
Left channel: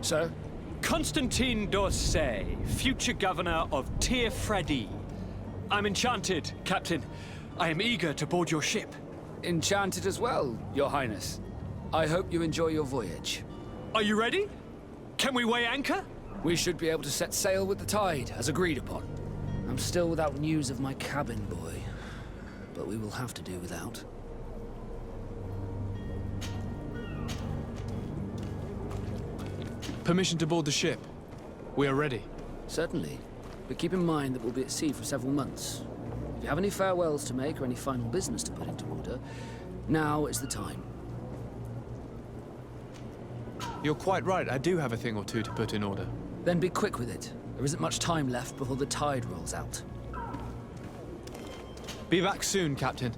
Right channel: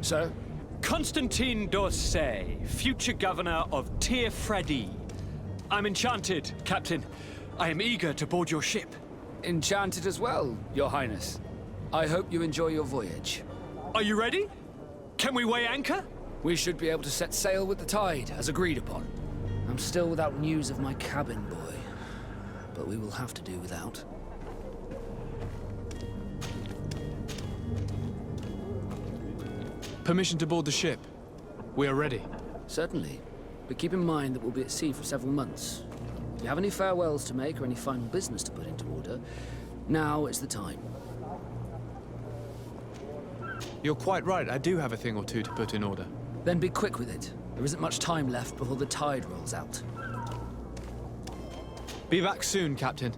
Sir? Constantine d'Orsay, future governor of Tir Freddy. I'm enchanted, Captain. I am eager to board your ship. Enchanted as well, Your Highness. I hope you enjoy your voyage. Are you ready? Can we weigh anchor? We should be able to set sail with the tide, as agreed upon. I'm still without news of my cabin boy, but we will have to do without. Permission to board the ship. We are ready. Certainly, but keep in mind that we'll be at sea for several months. If you have any farewells to make or any final business to put into order, now is the time. You're quite right, I do have a thing or two to put in order. Then be quick with it. There isn't much time left before the tide rolls out. Be back soon, Captain.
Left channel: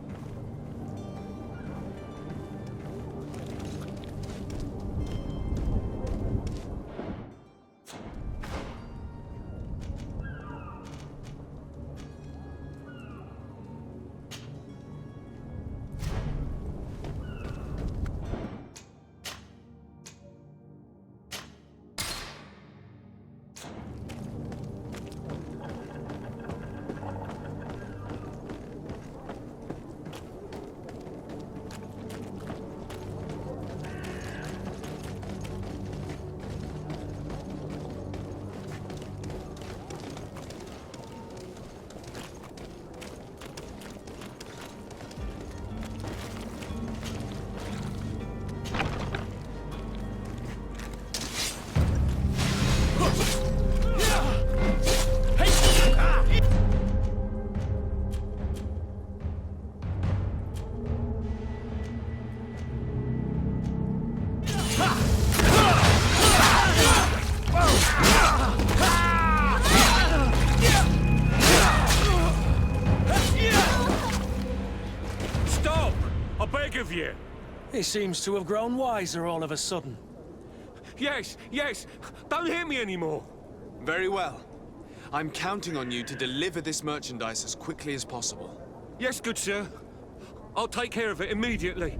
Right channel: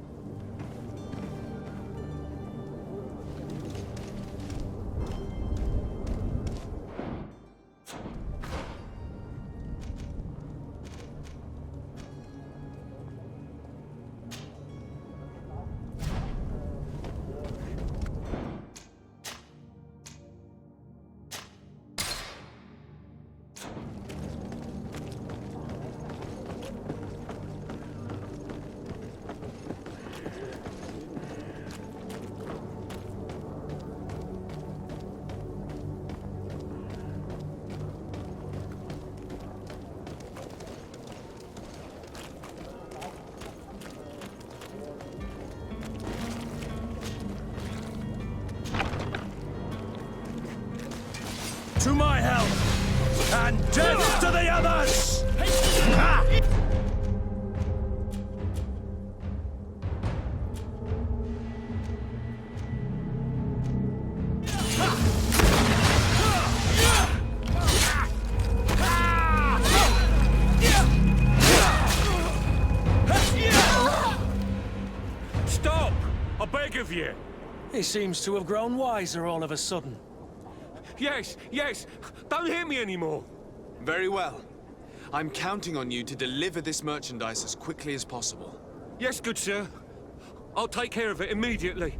To my help! And death to the others! Stop! I beg of you! He seems to have grown wiser all of a sudden. Yes, yes! Don't hit me anymore! Very well. I'm counting on you to deliver this merchandise as quickly as possible. Yes, good sir. I'll take care of it immediately.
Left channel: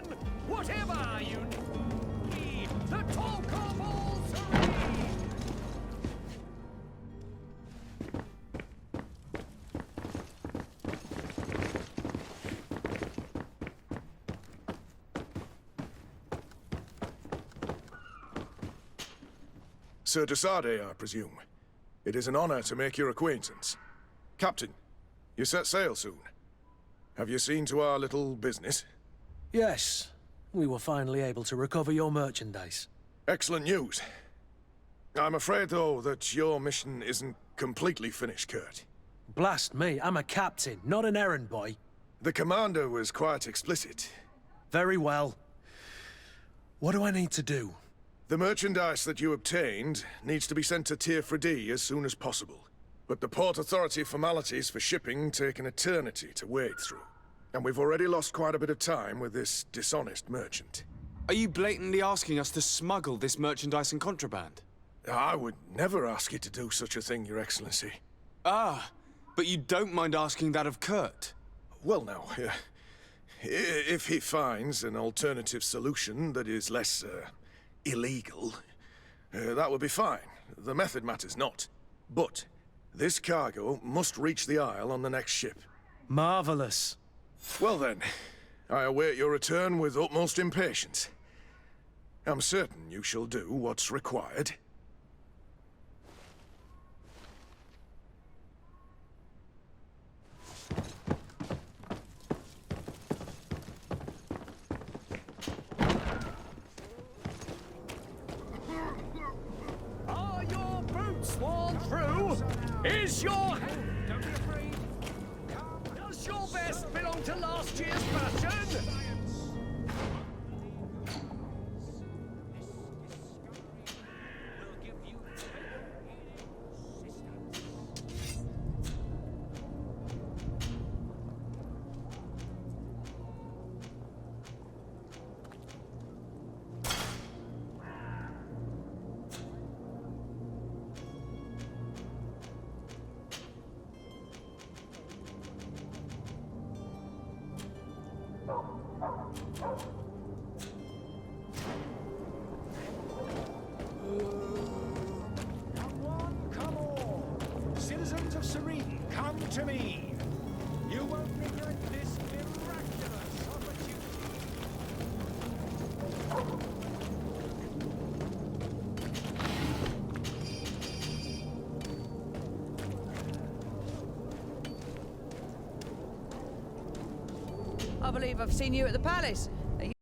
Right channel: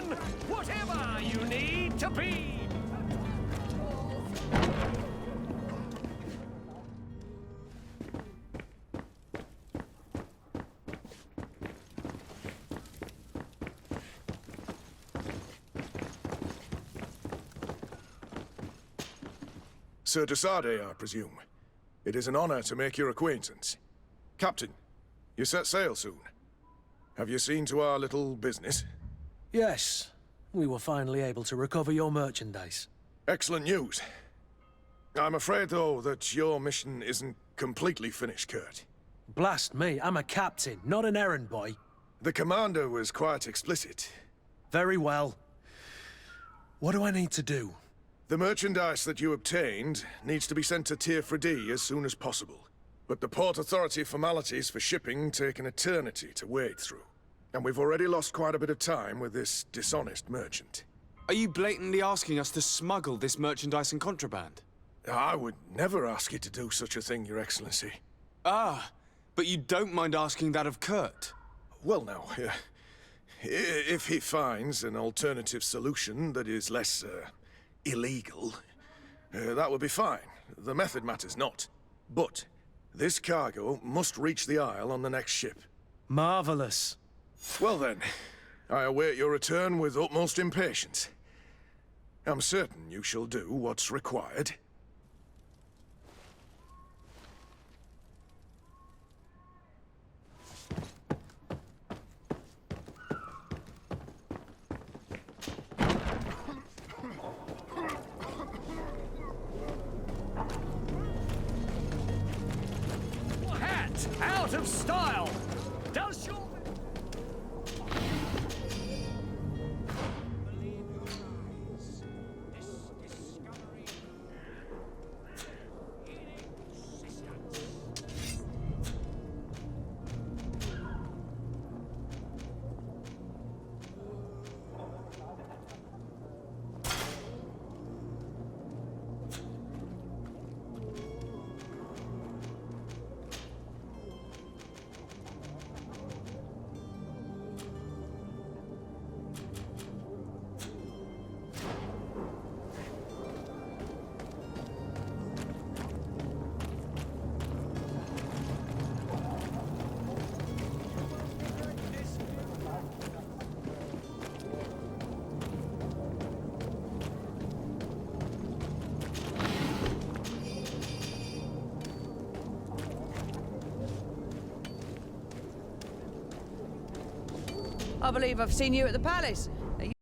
gentlemen, whatever you need to be, the talk of all three. Sir Desade, I presume. It is an honor to make your acquaintance. Captain, you set sail soon. Have you seen to our little business? Yes. We were finally able to recover your merchandise. Excellent news. I'm afraid, though, that your mission isn't completely finished, Kurt. Blast me, I'm a captain, not an errand boy. The commander was quite explicit. Very well. What do I need to do? The merchandise that you obtained needs to be sent to Tier 4D as soon as possible. But the Port Authority formalities for shipping take an eternity to wade through. And we've already lost quite a bit of time with this dishonest merchant. Are you blatantly asking us to smuggle this merchandise and contraband? I would never ask you to do such a thing, Your Excellency. Ah, but you don't mind asking that of Kurt? Well, now, if he finds an alternative solution that is less, illegal, that would be fine. The method matters not. But this cargo must reach the Isle on the next ship. Marvelous. Well then, I await your return with utmost impatience. I'm certain you shall do what's required. Are your boots worn through? Is your hat out of style? Does your vest belong to last year's fashion? Citizens of Serene, come to me. You won't regret this miraculous opportunity. I believe I've seen you at the palace.